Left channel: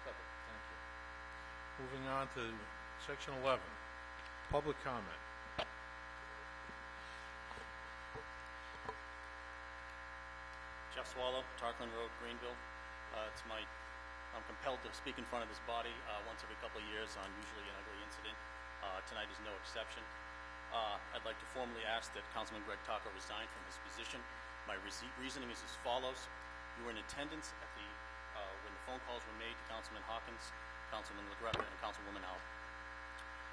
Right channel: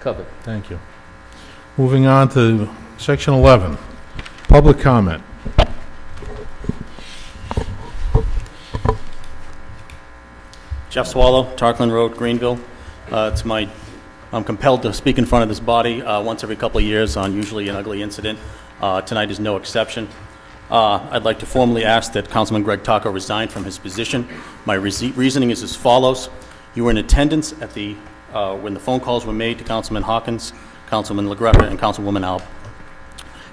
covered. Thank you. Moving on to section 11, public comment. Jeff Swallow, Tarkland Road, Greenville. I'm compelled to speak in front of this body once every couple of years on usually an ugly incident. Tonight is no exception. I'd like to formally ask that Councilman Greg Taco resign from his position. My reasoning is as follows. You were in attendance at when the phone calls were made to Councilman Hawkins, Councilman LaGreca, and Councilwoman Alba.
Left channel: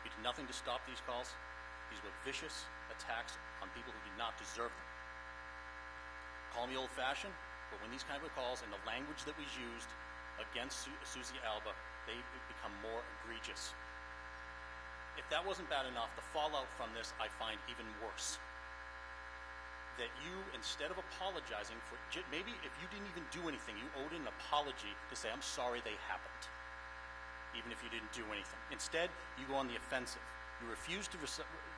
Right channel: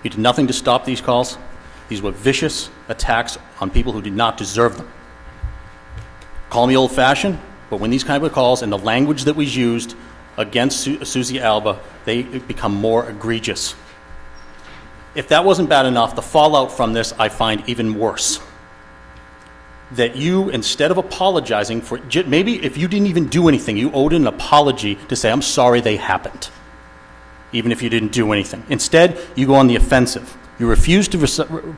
You did nothing to stop these calls. These were vicious attacks on people who did not deserve them. Call me old-fashioned, but when these kind of calls and the language that was used against Susie Alba, they become more egregious. If that wasn't bad enough, the fallout from this I find even worse. That you, instead of apologizing for, maybe if you didn't even do anything, you owed an apology to say, I'm sorry they happened, even if you didn't do anything. Instead, you go on the offensive. You refuse to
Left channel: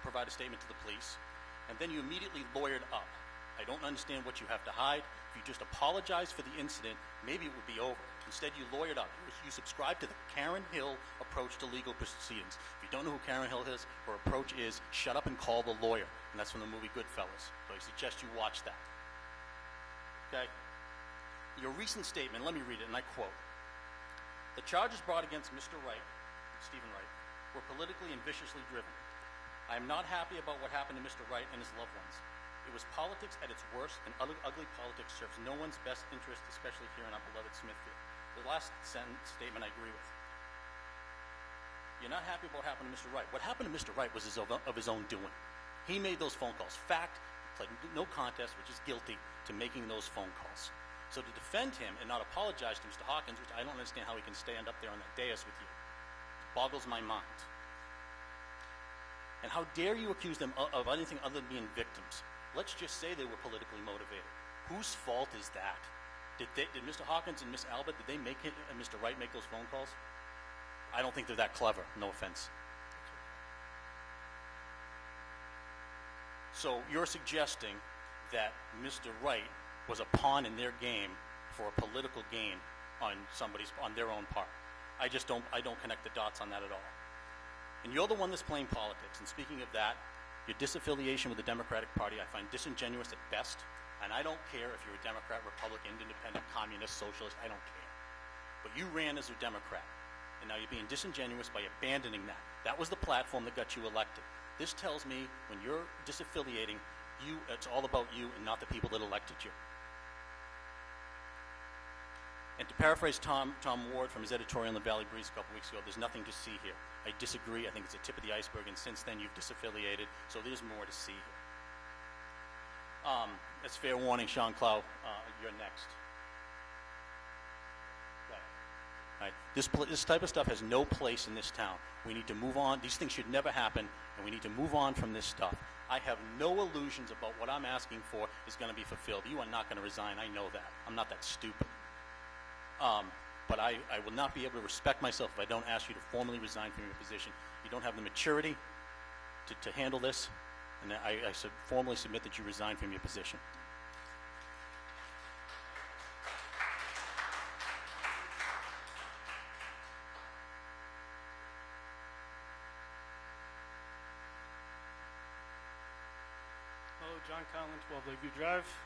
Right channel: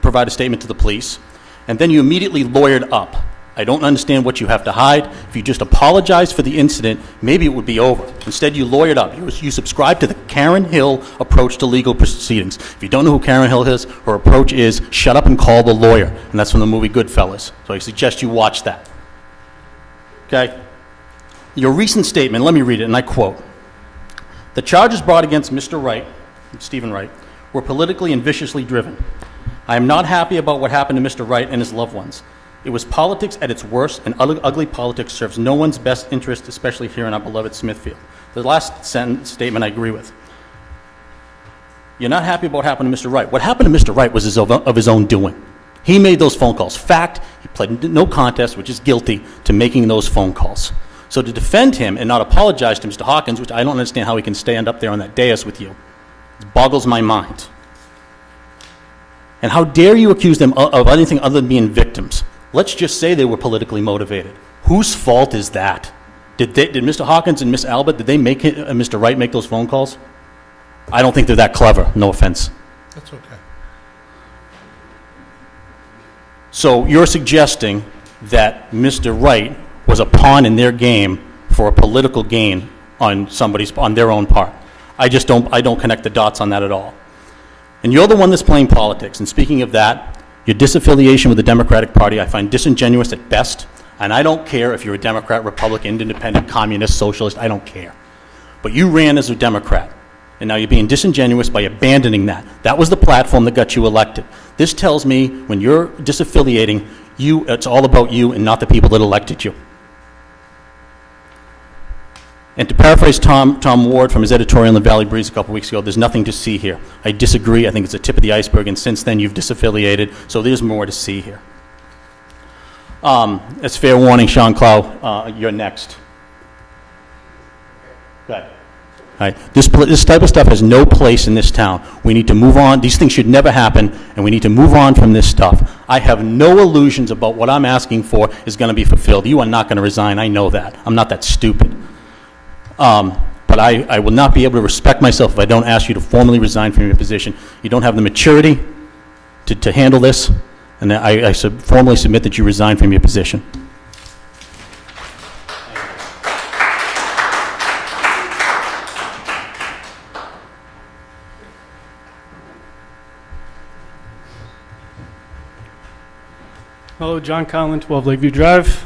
provide a statement to the police, and then you immediately lawyered up. I don't understand what you have to hide. If you just apologized for the incident, maybe it would be over. Instead, you lawyered up. You subscribe to the Karen Hill approach to legal proceedings. If you don't know who Karen Hill is, her approach is shut up and call the lawyer. And that's from the movie Goodfellas. So I suggest you watch that. Okay? Your recent statement, let me read it, and I quote. The charges brought against Mr. Wright, Stephen Wright, were politically and viciously driven. I am not happy about what happened to Mr. Wright and his loved ones. It was politics at its worst, and ugly politics serves no one's best interest, especially here in our beloved Smithfield. The last statement I agree with. You're not happy about what happened to Mr. Wright. What happened to Mr. Wright was of his own doing. He made those phone calls. Fact, he pled no contest, which is guilty, to making those phone calls. So to defend him and not apologize to Mr. Hawkins, which I don't understand how he can stand up there on that dais with you, it boggles my mind. And how dare you accuse them of anything other than being victims? Let's just say they were politically motivated. Whose fault is that? Did Mr. Hawkins and Miss Alba, did they make Mr. Wright make those phone calls? I don't think they're that clever, no offense. That's okay. So you're suggesting that Mr. Wright was a pawn in their game for a political gain on their own part. I don't connect the dots on that at all. And you're the one that's playing politics. And speaking of that, your disaffiliation with the Democratic Party I find disingenuous at best, and I don't care if you're a Democrat, Republican, Independent, Communist, Socialist, I don't care. But you ran as a Democrat, and now you're being disingenuous by abandoning that. That was the platform that got you elected. This tells me when you're disaffiliating, it's all about you and not the people that elected you. And to paraphrase Tom Ward from his editorial in the Valley Breeze a couple weeks ago, there's nothing to see here. I disagree. I think it's the tip of the iceberg, and since then you've disaffiliated, so there's more to see here. As fair warning, Sean Clow, you're next. Go ahead. All right. This type of stuff has no place in this town. We need to move on. These things should never happen, and we need to move on from this stuff. I have no illusions about what I'm asking for is going to be fulfilled. You are not going to resign. I know that. I'm not that stupid. But I will not be able to respect myself if I don't ask you to formally resign from your position. You don't have the maturity to handle this, and I formally submit that you resign from your position. Hello, John Conlon, 12 Lakeview Drive.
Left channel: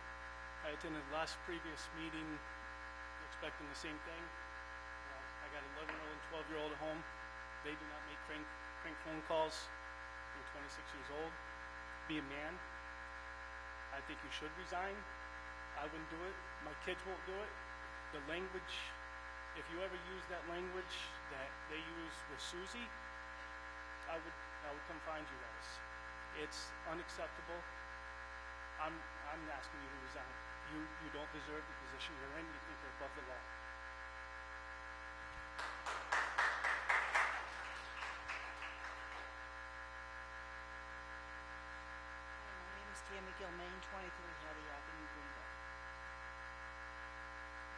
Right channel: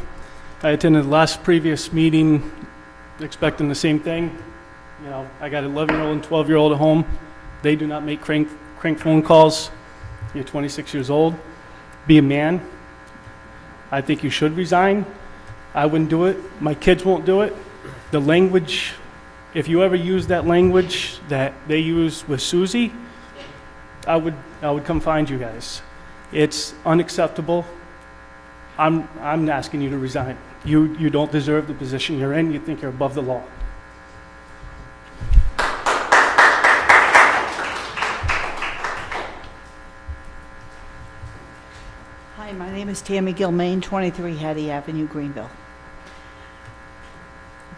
I attended the last previous meeting expecting the same thing. You know, I got an 11-year-old and 12-year-old at home. They do not make crank phone calls. You're 26 years old. Be a man. I think you should resign. I wouldn't do it. My kids won't do it. The language, if you ever use that language that they use with Susie, I would come find you guys. It's unacceptable. I'm asking you to resign. You don't deserve the position you're in. You think you're above the law. Hi, my name is Tammy Gilmain, 23 Hattie Avenue, Greenville.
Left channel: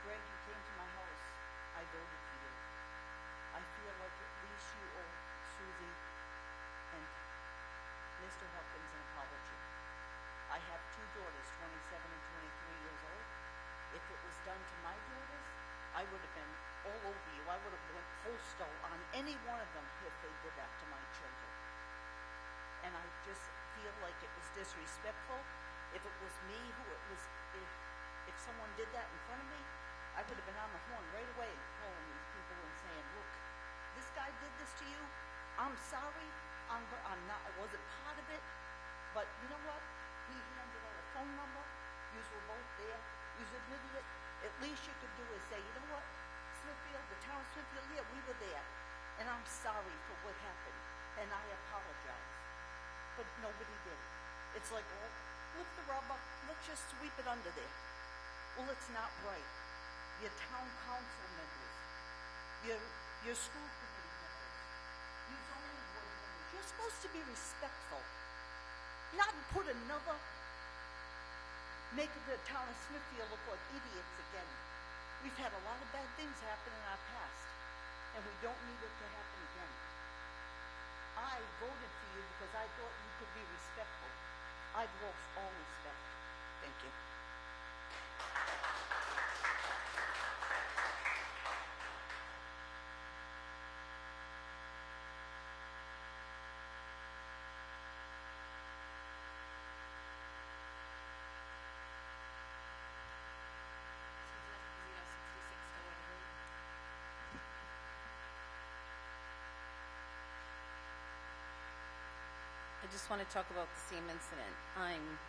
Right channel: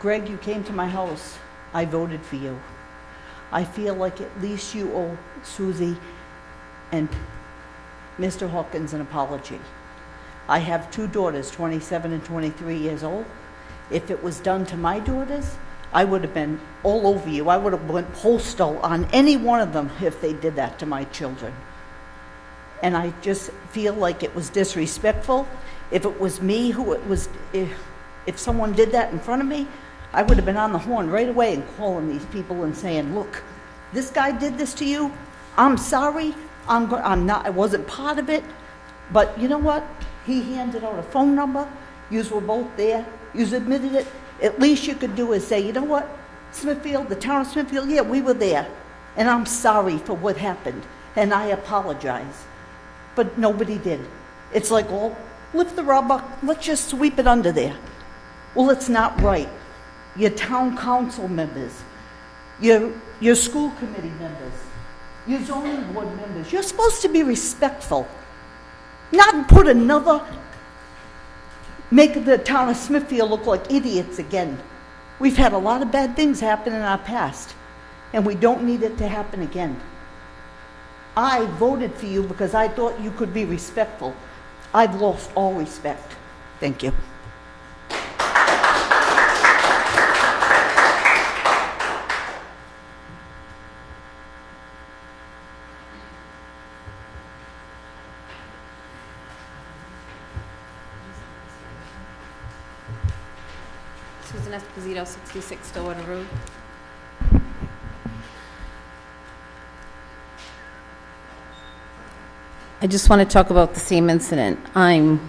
Greg, you came to my house. I voted for you. I feel like at least you owe Susie and Mr. Hawkins an apology. I have two daughters, 27 and 23 years old. If it was done to my daughters, I would have been all over you. I would have went postal on any one of them if they did that to my children. And I just feel like it was disrespectful. If it was me who it was, if someone did that in front of me, I would have been on the horn right away and calling these people and saying, look, this guy did this to you. I'm sorry. I wasn't part of it. But you know what? He handed out a phone number. Yous were both there. Yous admitted it. At least you could do is say, you know what? Smithfield, the town of Smithfield, yeah, we were there. And I'm sorry for what happened. And I apologize. But nobody did. It's like, oh, lift the rubber. Let's just sweep it under there. Well, it's not right. Your town council members, your school committee members, your zoning board members, you're supposed to be respectful. Not put make the town of Smithfield look like idiots again. We've had a lot of bad things happen in our past, and we don't need it to happen again. I voted for you because I thought you could be respectful. I've lost all respect. Thank you. Susan Esposito, 66 Stillwater Road. I just want to talk about the same incident. I'm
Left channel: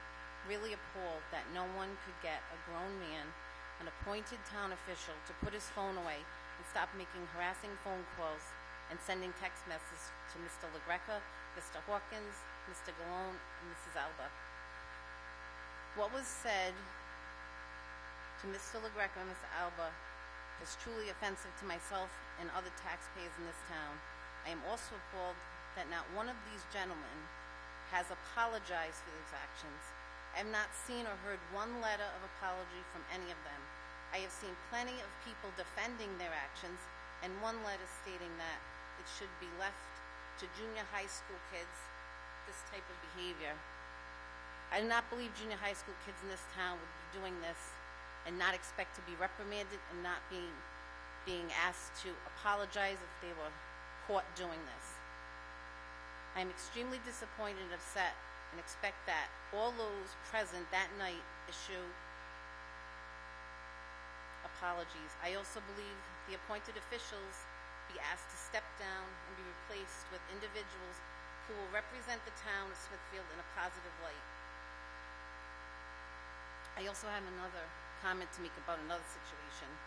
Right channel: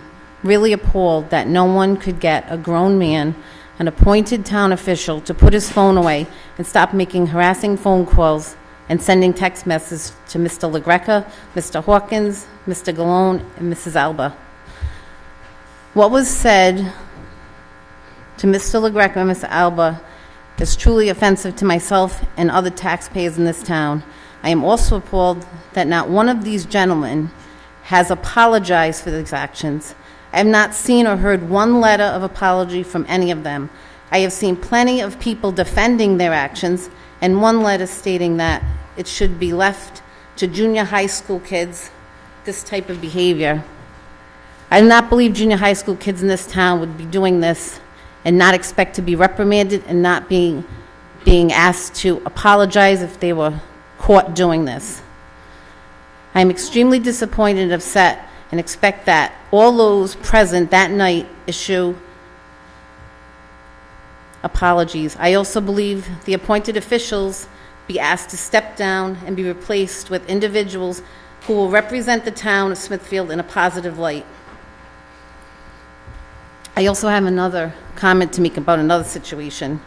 really appalled that no one could get a grown man, an appointed town official, to put his phone away and stop making harassing phone calls and sending text messages to Mr. LaGreca, Mr. Hawkins, Mr. Galone, and Mrs. Alba. What was said to Mr. LaGreca and Mr. Alba is truly offensive to myself and other taxpayers in this town. I am also appalled that not one of these gentlemen has apologized for these actions. I have not seen or heard one letter of apology from any of them. I have seen plenty of people defending their actions, and one letter stating that it should be left to junior high school kids, this type of behavior. I do not believe junior high school kids in this town would be doing this and not expect to be reprimanded and not being asked to apologize if they were caught doing this. I am extremely disappointed and upset and expect that all those present that night issue apologies. I also believe the appointed officials be asked to step down and be replaced with individuals who will represent the town of Smithfield in a positive light. I also have another comment to make about another situation.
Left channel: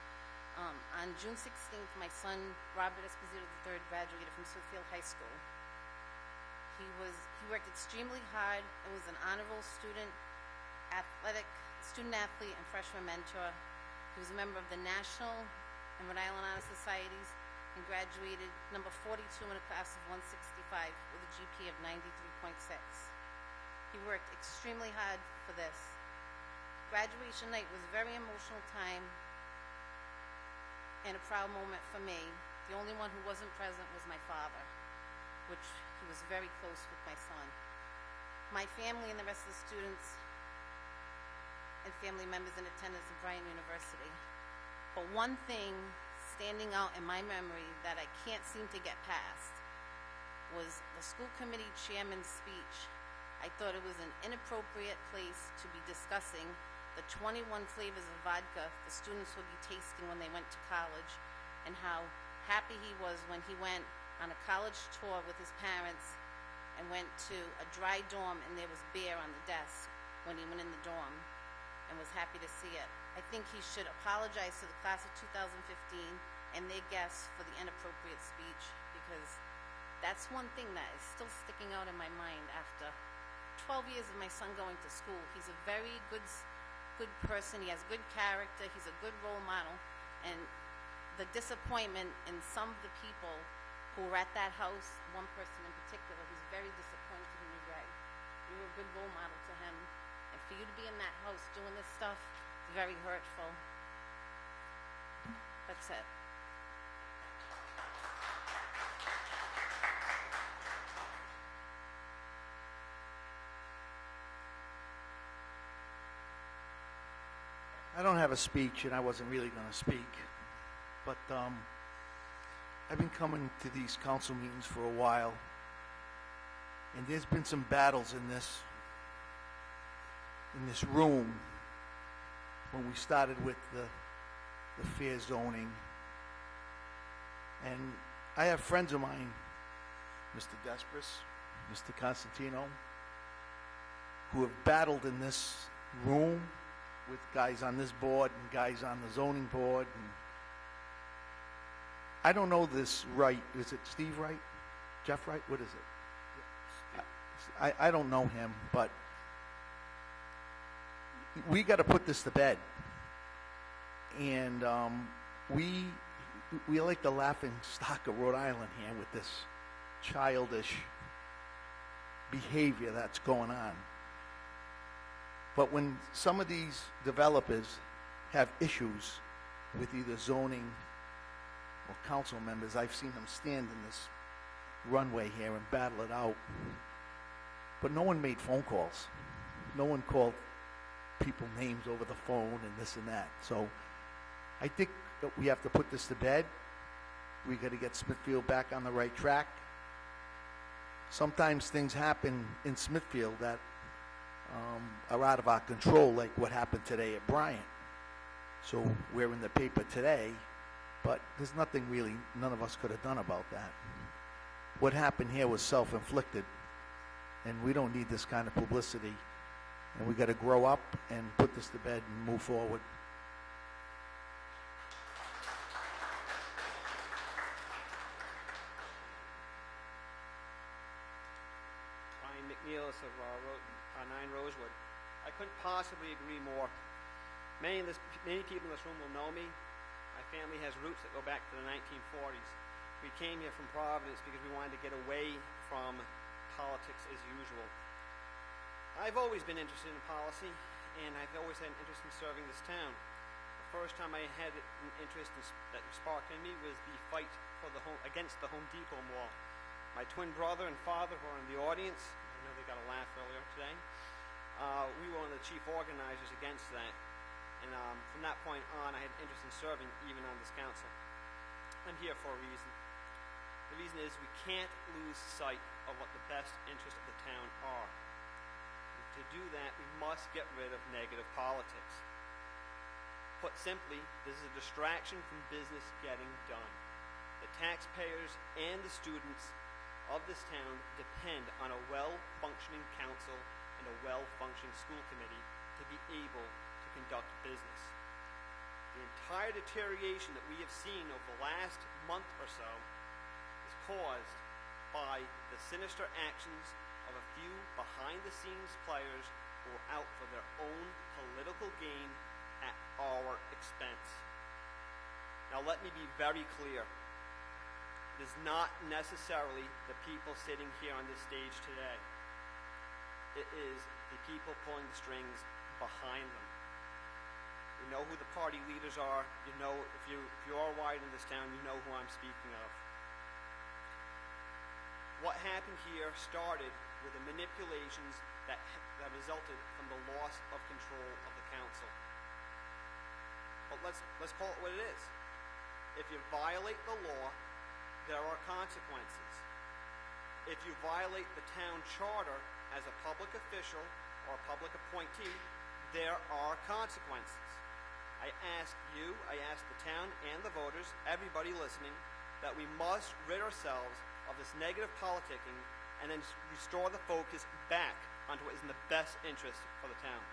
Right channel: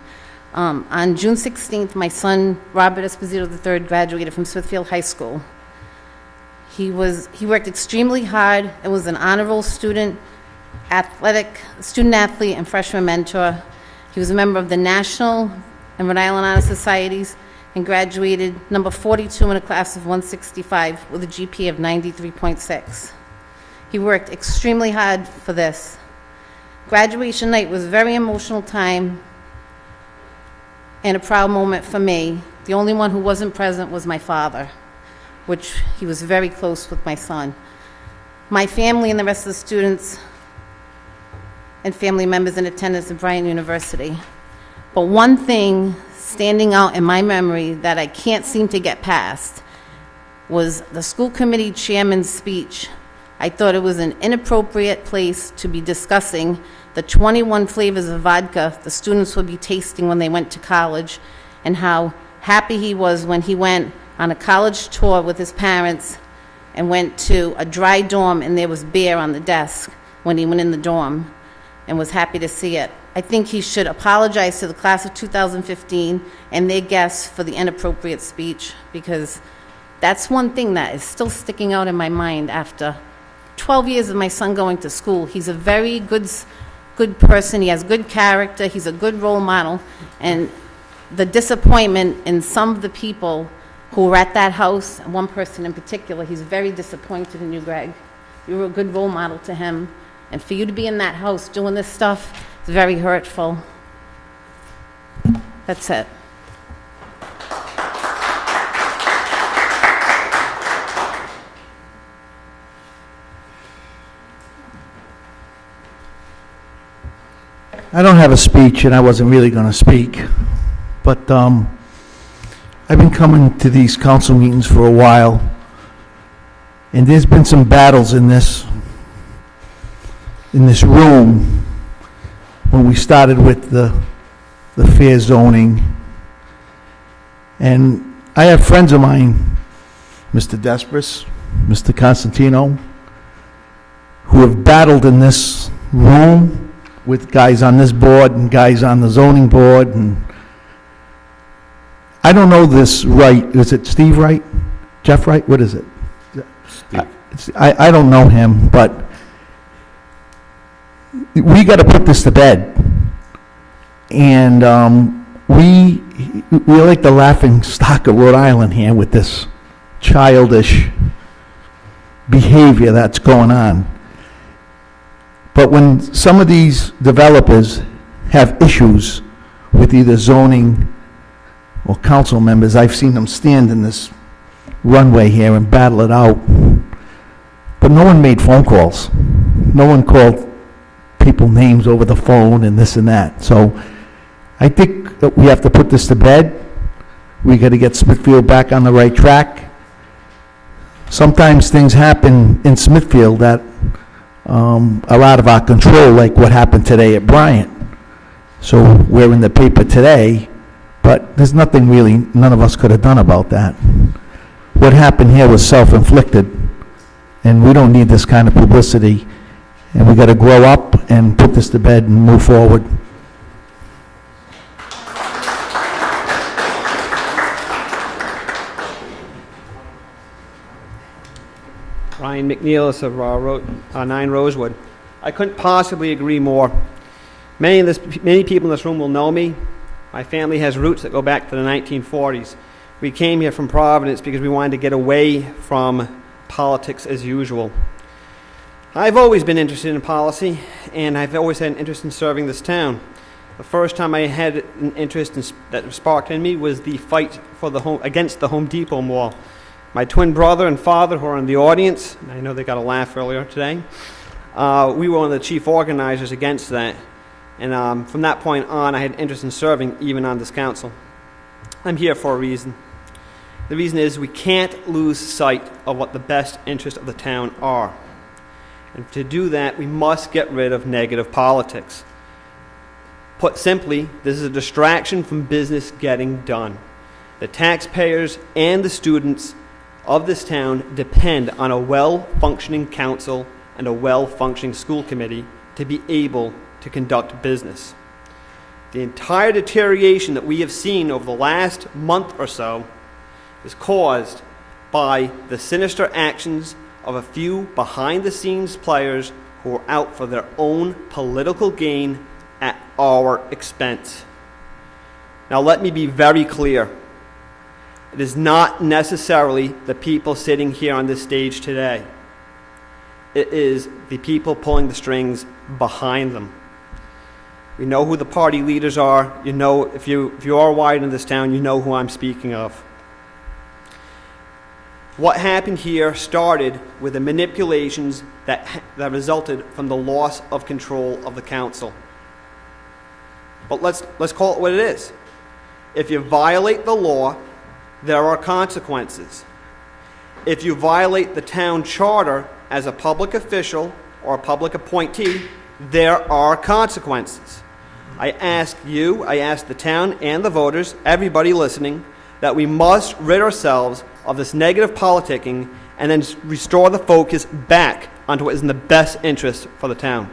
On June 16th, my son, Robert Esposito III, graduated from Smithfield High School. He worked extremely hard and was an honor roll student, student athlete, and freshman mentor. He was a member of the National and Rhode Island Honor Societies and graduated number 42 in a class of 165 with a GPA of 93.6. He worked extremely hard for this. Graduation night was a very emotional time and a proud moment for me. The only one who wasn't present was my father, which he was very close with my son. My family and the rest of the students and family members in attendance at Bryant University. But one thing standing out in my memory that I can't seem to get past was the school committee chairman's speech. I thought it was an inappropriate place to be discussing the 21 flavors of vodka the students would be tasting when they went to college, and how happy he was when he went on a college tour with his parents and went to a dry dorm and there was beer on the desk when he went in the dorm, and was happy to see it. I think he should apologize to the class of 2015 and their guests for the inappropriate speech, because that's one thing that is still sticking out in my mind after 12 years of my son going to school. He's a very good person. He has good character. He's a good role model. And the disappointment in some of the people who were at that house, and one person in particular, he's very disappointed in you, Greg. You were a good role model to him. And for you to be in that house doing this stuff is very hurtful. That's it. I don't have a speech, and I wasn't really going to speak. but I've been coming to these council meetings for a while, and there's been some battles in this room when we started with the fair zoning. And I have friends of mine, Mr. Despres, Mr. Constantino, who have battled in this room with guys on this board and guys on the zoning board, and I don't know this Wright. Is it Steve Wright? Jeff Wright? What is it? I don't know him, but we got to put this to bed. And we're like the laughing stock of Rhode Island here with this childish behavior that's going on. But when some of these developers have issues with either zoning or council members, I've seen them stand in this runway here and battle it out. But no one made phone calls. No one called people names over the phone and this and that. So I think that we have to put this to bed. We got to get Smithfield back on the right track. Sometimes things happen in Smithfield that are out of our control, like what happened today at Bryant. So we're in the paper today, but there's nothing really none of us could have done about that. What happened here was self-inflicted, and we don't need this kind of publicity, and we got to grow up and put this to bed and move forward. Ryan McNeilis of 9 Rosewood. I couldn't possibly agree more. Many people in this room will know me. My family has roots that go back to the 1940s. We came here from Providence because we wanted to get away from politics as usual. I've always been interested in policy, and I've always had an interest in serving this town. The first time I had an interest that sparked in me was the fight for against the Home Depot Mall. My twin brother and father, who are in the audience, and I know they got a laugh earlier today, we were one of the chief organizers against that. And from that point on, I had interest in serving, even on this council. I'm here for a reason. The reason is we can't lose sight of what the best interests of the town are. And to do that, we must get rid of negative politics. Put simply, this is a distraction from business getting done. The taxpayers and the students of this town depend on a well-functioning council and a well-functioning school committee to be able to conduct business. The entire deterioration that we have seen over the last month or so is caused by the sinister actions of a few behind-the-scenes players who are out for their own political gain at our expense. Now let me be very clear. It is not necessarily the people sitting here on this stage today. It is the people pulling the strings behind them. We know who the party leaders are. You know, if you are wide in this town, you know who I'm speaking of. What happened here started with the manipulations that resulted from the loss of control of the council. But let's call it what it is. If you violate the law, there are consequences. If you violate the town charter as a public official or a public appointee, there are consequences. I ask you, I ask the town and the voters, everybody listening, that we must rid ourselves of this negative politicking and then restore the focus back onto what is in the best interest for the town.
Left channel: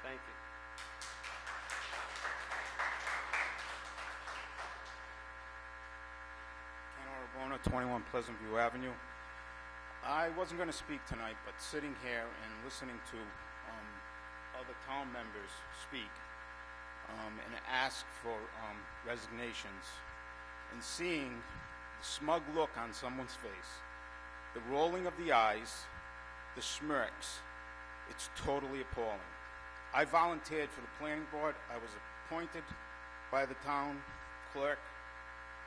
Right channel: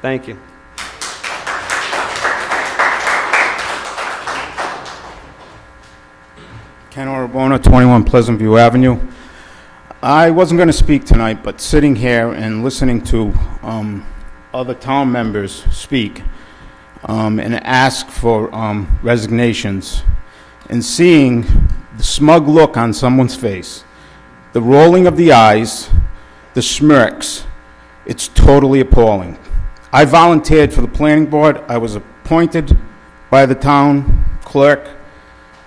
Thank you. Ken Orabona, 21 Pleasant View Avenue. I wasn't going to speak tonight, but sitting here and listening to other town members speak and ask for resignations and seeing the smug look on someone's face, the rolling of the eyes, the smirks, it's totally appalling. I volunteered for the planning board. I was appointed by the town clerk.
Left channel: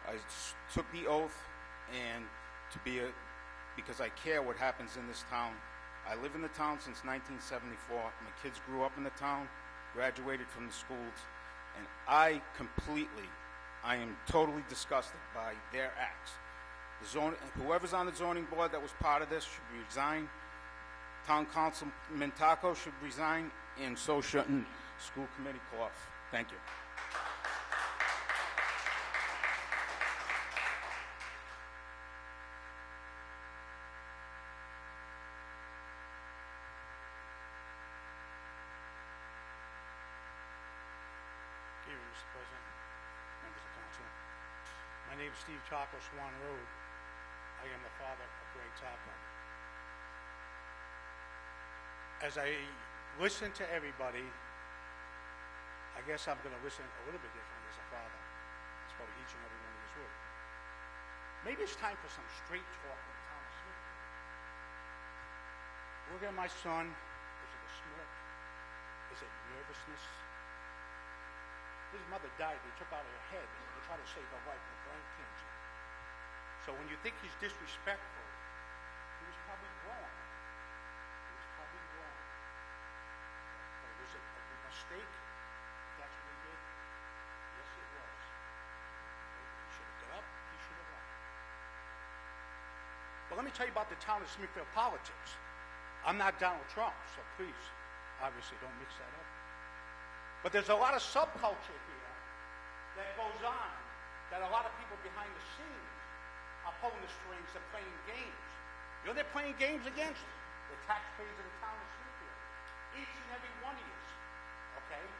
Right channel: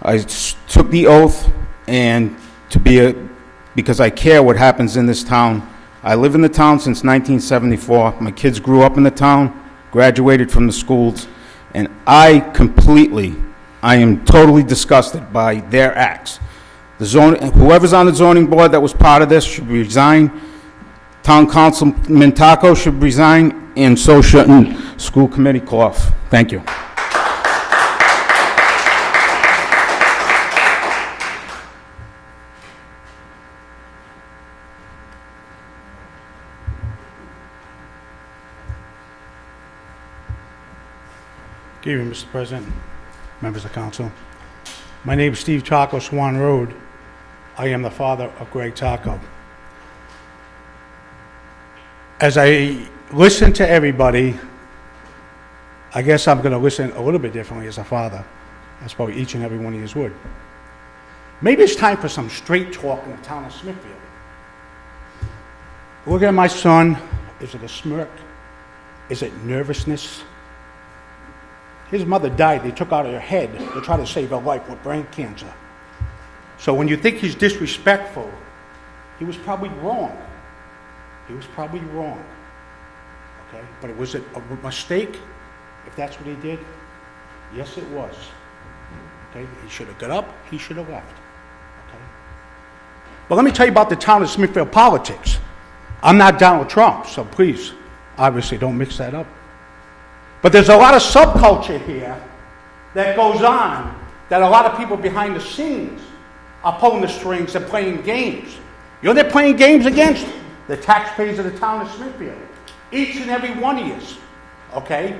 I took the oath, and because I care what happens in this town. I live in the town since 1974. My kids grew up in the town, graduated from the schools, and I completely I am totally disgusted by their acts. Whoever's on the zoning board that was part of this should resign. Town Councilman Taco should resign, and so shouldn't School Committee Clough. Thank you. Good evening, Mr. President, members of council. My name is Steve Taco, Swan Road. I am the father of Greg Taco. As I listen to everybody, I guess I'm going to listen a little bit differently as a father. That's probably each and every one of you would. Maybe it's time for some straight talk in the town of Smithfield. Looking at my son, is it a smirk? Is it nervousness? His mother died. They took out her head to try to save her life with brain cancer. So when you think he's disrespectful, he was probably wrong. He was probably wrong. Okay? But was it a mistake if that's what he did? Yes, it was. Okay? He should have got up. He should have left. Okay? But let me tell you about the town of Smithfield politics. I'm not Donald Trump, so please, obviously, don't mix that up. But there's a lot of subculture here that goes on, that a lot of people behind the scenes are pulling the strings and playing games. You know they're playing games against? The taxpayers of the town of Smithfield. Each and every one of you. Okay?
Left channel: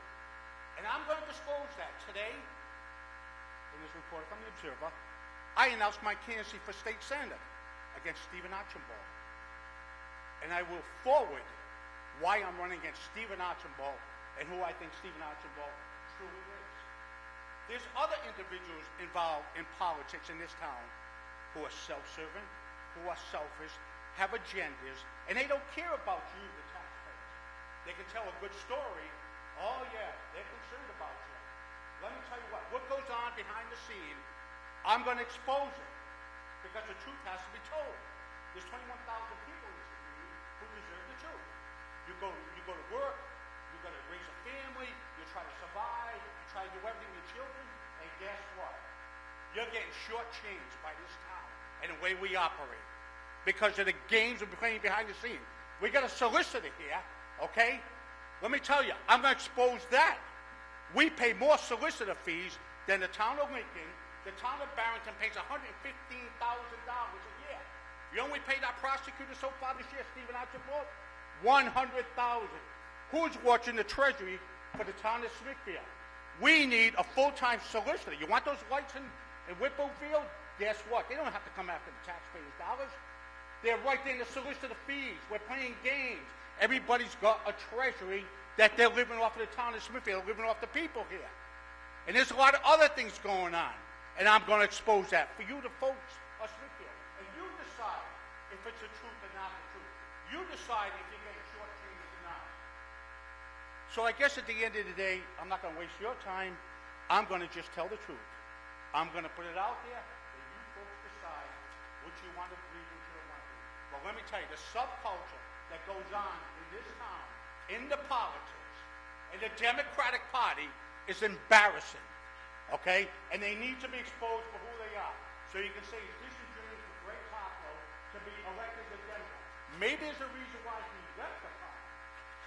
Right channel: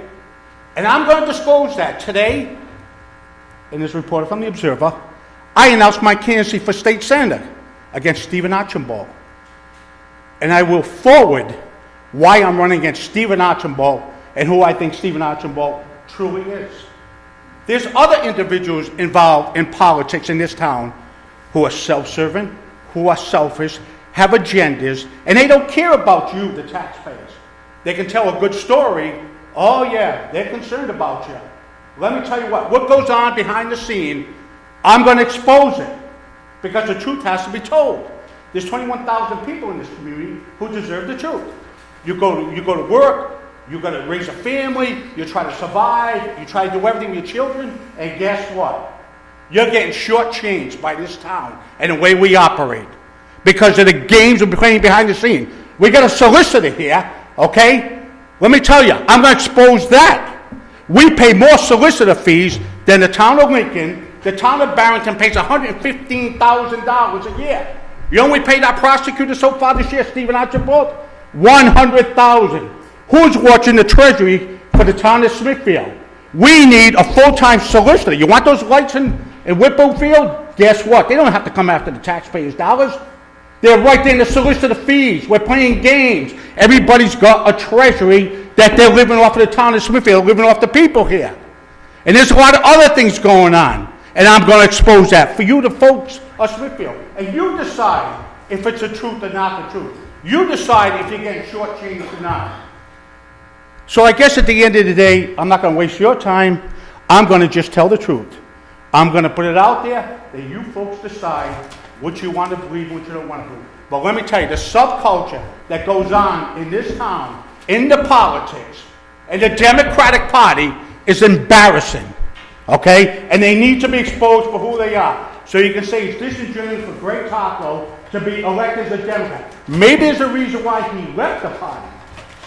And I'm going to disclose that today, in this report from the Observer, I announced my candidacy for state senator against Stephen Archambault. And I will forward why I'm running against Stephen Archambault and who I think Stephen Archambault truly is. There's other individuals involved in politics in this town who are self-serving, who are selfish, have agendas, and they don't care about you, the taxpayers. They can tell a good story. Oh yeah, they're concerned about you. Let me tell you what goes on behind the scene, I'm going to expose it, because the truth has to be told. There's 21,000 people in this community who deserve the truth. You go to work, you got to raise a family, you try to survive, you try to do everything with your children, and guess what? You're getting shortchanged by this town and the way we operate because of the games we're playing behind the scene. We got a solicitor here, okay? Let me tell you, I'm going to expose that. We pay more solicitor fees than the town of Lincoln. The town of Barrington pays $115,000 a year. You know, we paid our prosecutor so far this year, Stephen Archambault? $100,000. Who's watching the treasury for the town of Smithfield? We need a full-time solicitor. You want those lights in Whipplefield? Guess what? They don't have to come after the taxpayers' dollars. They're right there in the solicitor fees. We're playing games. Everybody's got a treasury that they're living off of the town of Smithfield, living off the people here. And there's a lot of other things going on. And I'm going to expose that for you, the folks of Smithfield. And you decide if it's the truth or not the truth. You decide if you're getting shortchanged or not. So I guess at the end of the day, I'm not going to waste your time. I'm going to just tell the truth. I'm going to put it out there that you folks decide what you want to believe, what you don't want to believe. But let me tell you, the subculture that goes on in this town, in the politics, and the Democratic Party is embarrassing, okay? And they need to be exposed for who they are. So you can say it's disingenuous for Greg Taco to be elected as a Democrat. Maybe there's a reason why he left the party.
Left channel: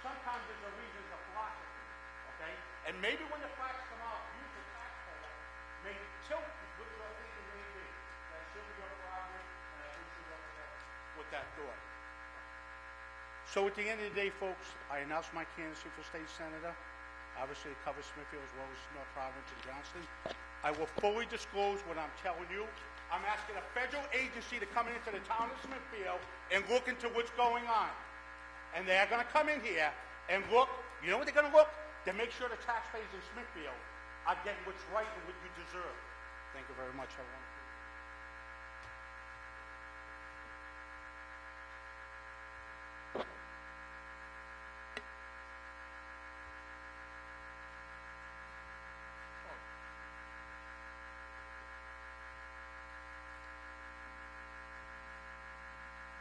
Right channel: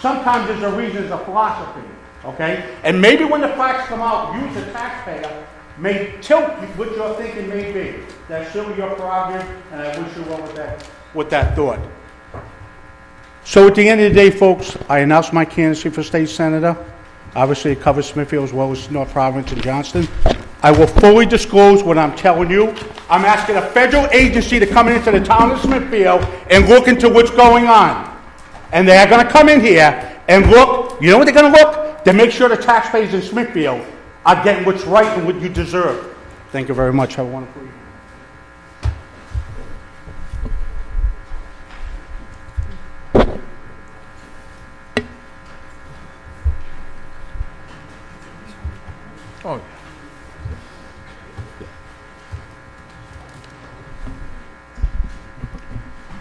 Sometimes there's a reason, there's a philosophy, okay? And maybe when the facts come out, you as a taxpayer may tilt what you're thinking may be. That's still your prerogative, and I wish you well with that thought. So at the end of the day, folks, I announced my candidacy for state senator. Obviously, it covers Smithfield as well as North Providence and Johnston. I will fully disclose what I'm telling you. I'm asking a federal agency to come into the town of Smithfield and look into what's going on. And they're going to come in here and look. You know what they're going to look? To make sure the taxpayers in Smithfield are getting what's right and what you deserve. Thank you very much. Have a wonderful evening. Oh, yeah.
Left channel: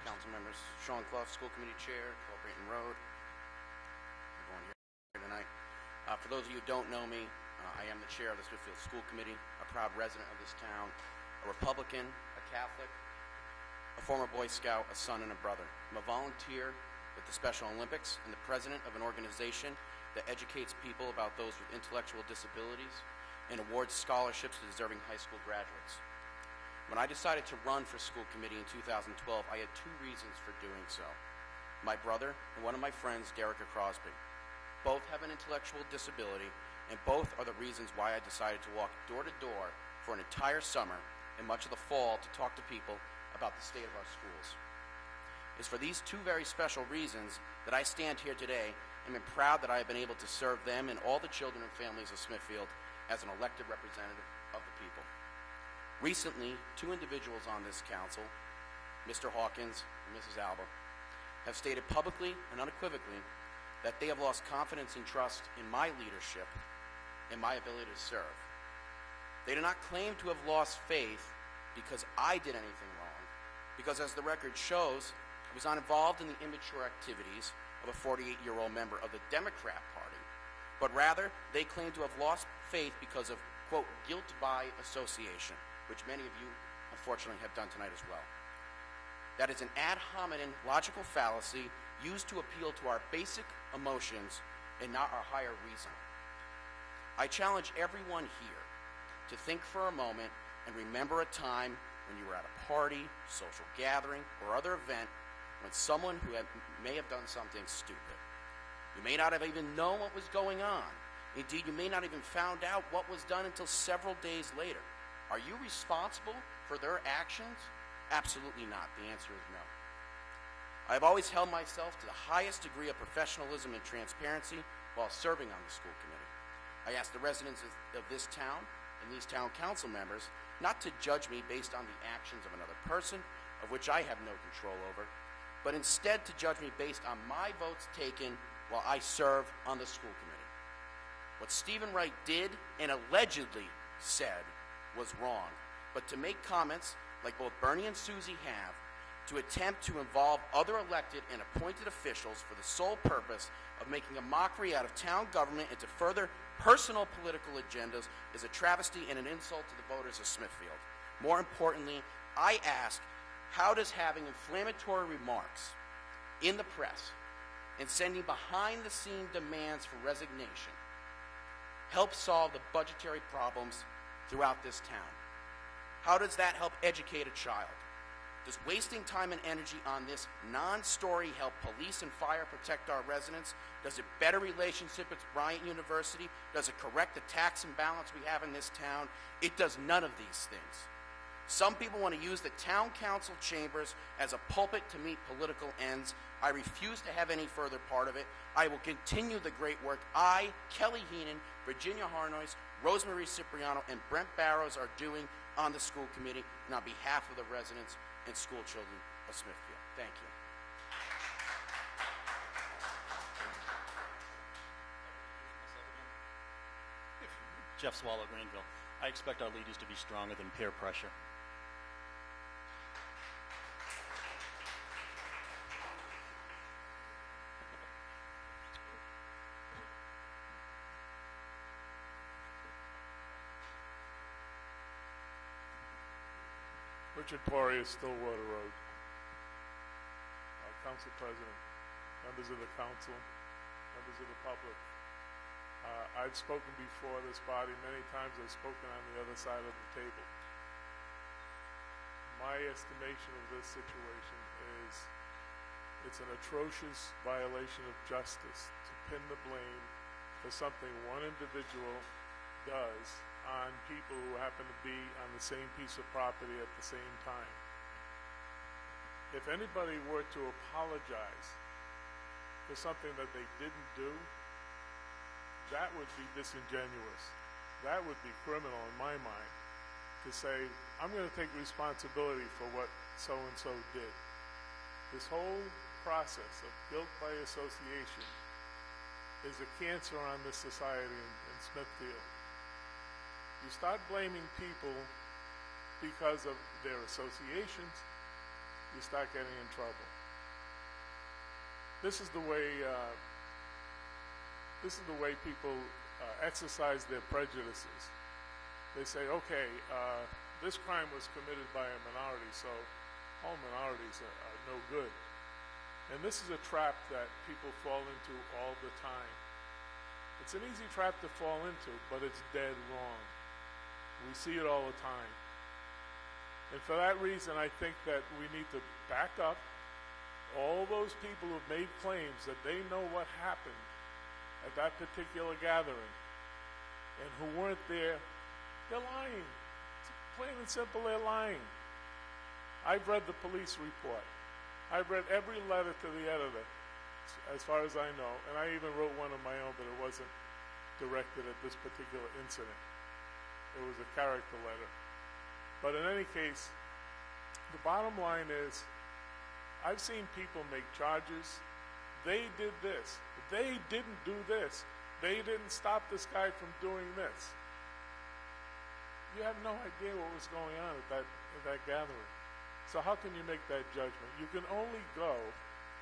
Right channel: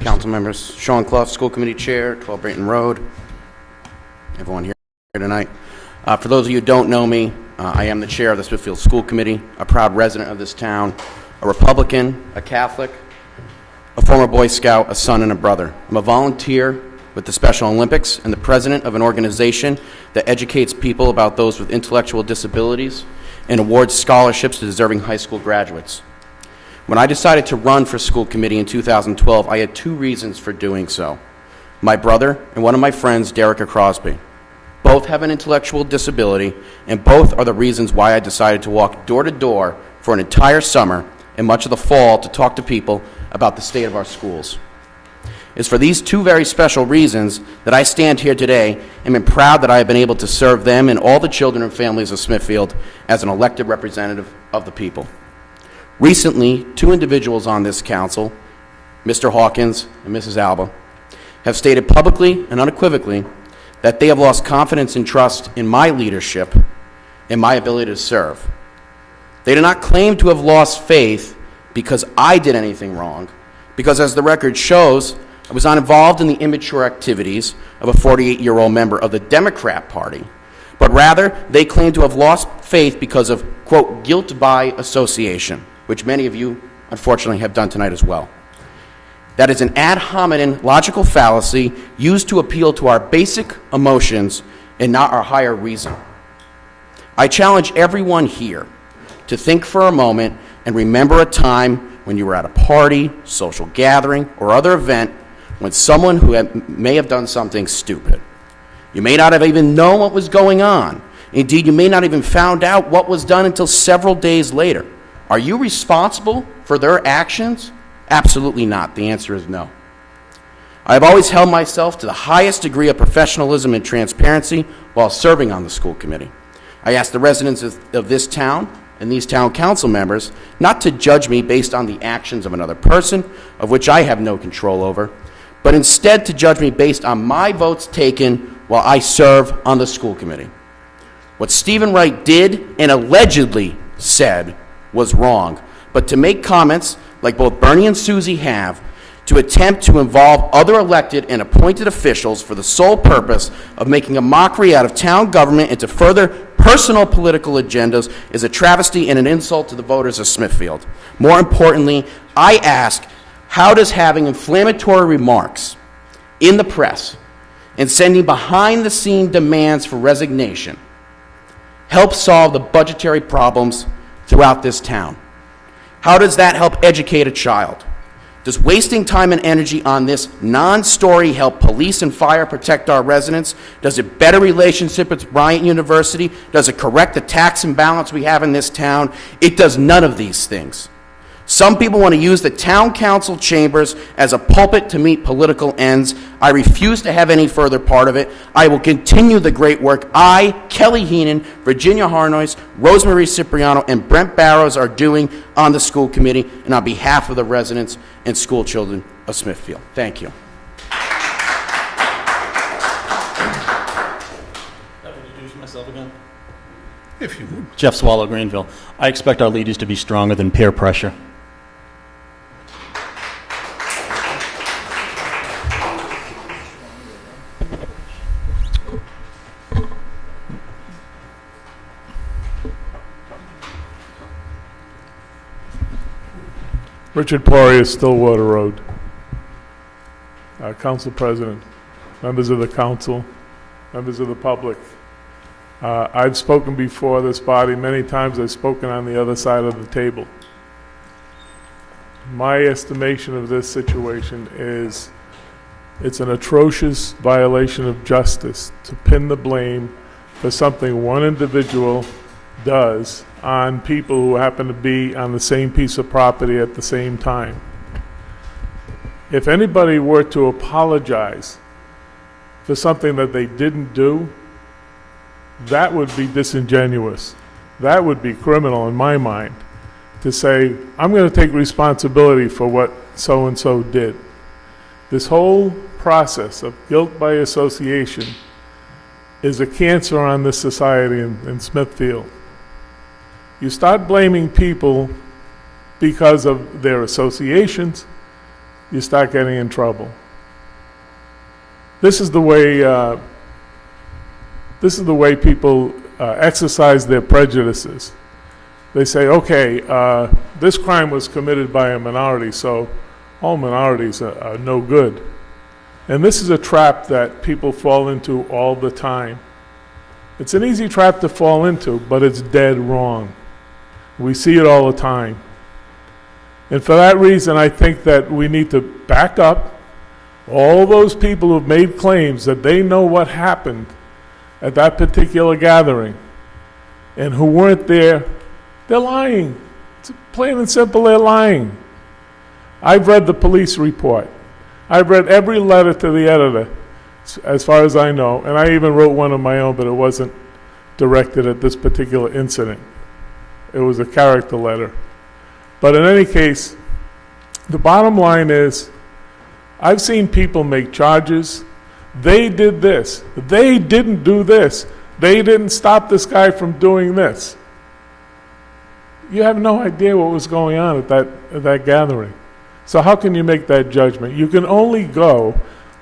Council members, Sean Clough, School Committee Chair, 12 Brayton Road. Everyone here tonight. For those of you who don't know me, I am the chair of the Smithfield School Committee, a proud resident of this town, a Republican, a Catholic, a former Boy Scout, a son, and a brother. I'm a volunteer with the Special Olympics and the president of an organization that educates people about those with intellectual disabilities and awards scholarships to deserving high school graduates. When I decided to run for school committee in 2012, I had two reasons for doing so. My brother and one of my friends, Derek Crosby. Both have an intellectual disability, and both are the reasons why I decided to walk door to door for an entire summer and much of the fall to talk to people about the state of our schools. It's for these two very special reasons that I stand here today and am proud that I have been able to serve them and all the children and families of Smithfield as an elected representative of the people. Recently, two individuals on this council, Mr. Hawkins and Mrs. Alba, have stated publicly and unequivocally that they have lost confidence and trust in my leadership and my ability to serve. They do not claim to have lost faith because I did anything wrong, because as the record shows, I was not involved in the immature activities of a 48-year-old member of the Democrat Party, but rather they claim to have lost faith because of, quote, guilt by association, which many of you, unfortunately, have done tonight as well. That is an ad hominem logical fallacy used to appeal to our basic emotions and not our higher reason. I challenge everyone here to think for a moment and remember a time when you were at a party, social gathering, or other event when someone who may have done something stupid. You may not have even known what was going on. Indeed, you may not even found out what was done until several days later. Are you responsible for their actions? Absolutely not. The answer is no. I have always held myself to the highest degree of professionalism and transparency while serving on the school committee. I ask the residents of this town and these town council members not to judge me based on the actions of another person, of which I have no control over, but instead to judge me based on my votes taken while I serve on the school committee. What Stephen Wright did and allegedly said was wrong, but to make comments like both Bernie and Susie have, to attempt to involve other elected and appointed officials for the sole purpose of making a mockery out of town government and to further personal political agendas is a travesty and an insult to the voters of Smithfield. More importantly, I ask, how does having inflammatory remarks in the press and sending behind-the-scene demands for resignation help solve the budgetary problems throughout this town? How does that help educate a child? Does wasting time and energy on this non-story help police and fire protect our residents? Does it better relationship with Bryant University? Does it correct the tax imbalance we have in this town? It does none of these things. Some people want to use the town council chambers as a pulpit to meet political ends. I refuse to have any further part of it. I will continue the great work I, Kelly Heenan, Virginia Harnois, Rosemary Cipriano, and Brent Barrows are doing on the school committee and on behalf of the residents and school children of Smithfield. Thank you. Introduce myself again. If you would. Jeff Swallow, Greenville. I expect our leaders to be stronger than peer pressure. Richard Poirier, Stillwater Road. Council President, members of the council, members of the public. I've spoken before this body many times. I've spoken on the other side of the table. My estimation of this situation is it's an atrocious violation of justice to pin the blame for something one individual does on people who happen to be on the same piece of property at the same time. If anybody were to apologize for something that they didn't do, that would be disingenuous. That would be criminal in my mind, to say, I'm going to take responsibility for what so-and-so did. This whole process of guilt by association is a cancer on this society in Smithfield. You start blaming people because of their associations, you start getting in trouble. This is the way people exercise their prejudices. They say, okay, this crime was committed by a minority, so all minorities are no good. And this is a trap that people fall into all the time. It's an easy trap to fall into, but it's dead wrong. We see it all the time. And for that reason, I think that we need to back up all those people who've made claims that they know what happened at that particular gathering and who weren't there. They're lying. It's plain and simple, they're lying. I've read the police report. I've read every letter to the editor, as far as I know, and I even wrote one of my own, but it wasn't directed at this particular incident. It was a character letter. But in any case, the bottom line is, I've seen people make charges. They did this. They didn't do this. They didn't stop this guy from doing this. You have no idea what was going on at that gathering. So how can you make that judgment? You can only go,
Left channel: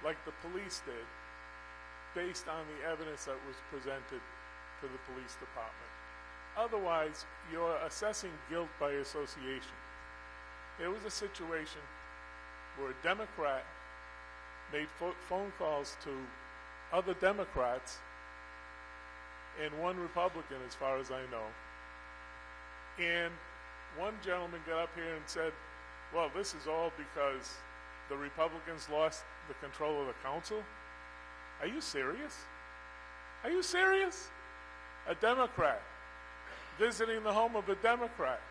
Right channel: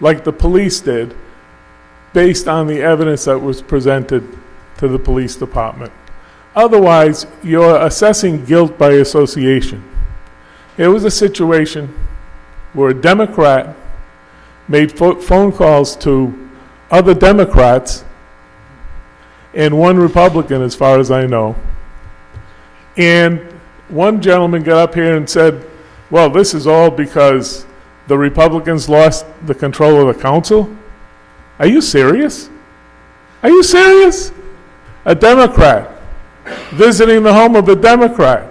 like the police did, based on the evidence that was presented to the police department. Otherwise, you're assessing guilt by association. It was a situation where a Democrat made phone calls to other Democrats and one Republican, as far as I know. And one gentleman got up here and said, well, this is all because the Republicans lost the control of the council? Are you serious? Are you serious? A Democrat visiting the home of a Democrat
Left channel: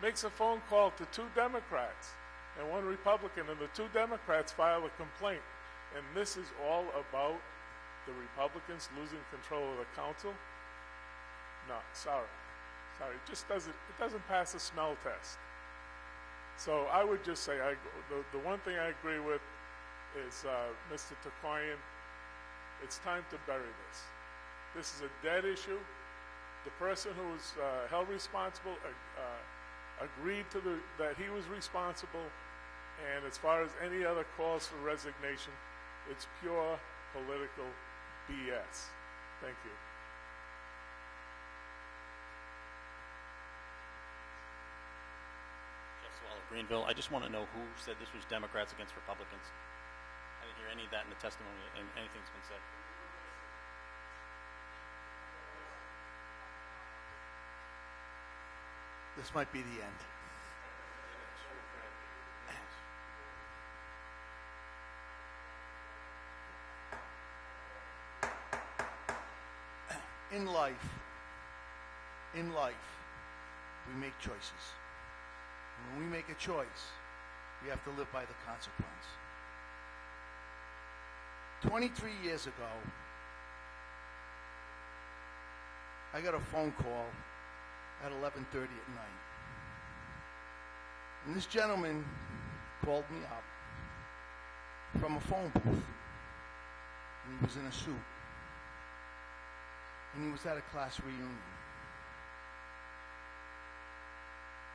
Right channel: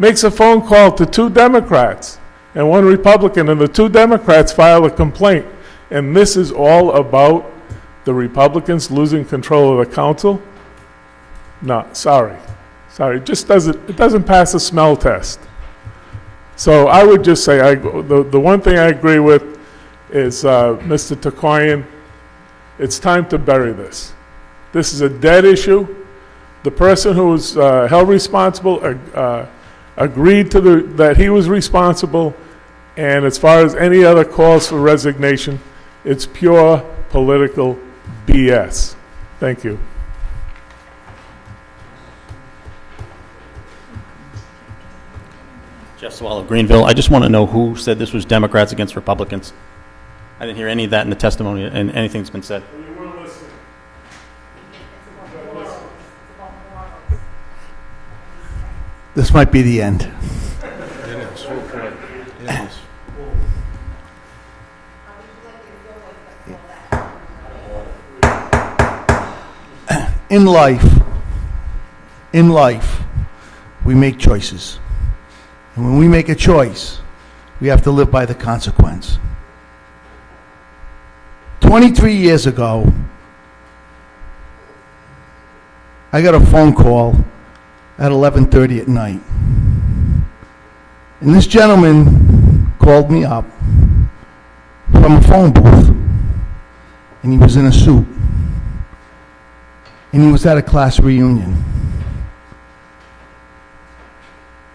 makes a phone call to two Democrats and one Republican, and the two Democrats file a complaint. And this is all about the Republicans losing control of the council? No, sorry. Sorry, it doesn't pass a smell test. So I would just say, the one thing I agree with is Mr. Tokarian, it's time to bury this. This is a dead issue. The person who was held responsible agreed to that he was responsible, and as far as any other calls for resignation, it's pure political BS. Thank you. Jeff Swallow, Greenville. I just want to know who said this was Democrats against Republicans. I didn't hear any of that in the testimony and anything that's been said. This might be the end. In life, we make choices. And when we make a choice, we have to live by the consequence. 23 years ago, I got a phone call at 11:30 at night. And this gentleman called me up from a phone booth, and he was in a suit. And he was at a class reunion.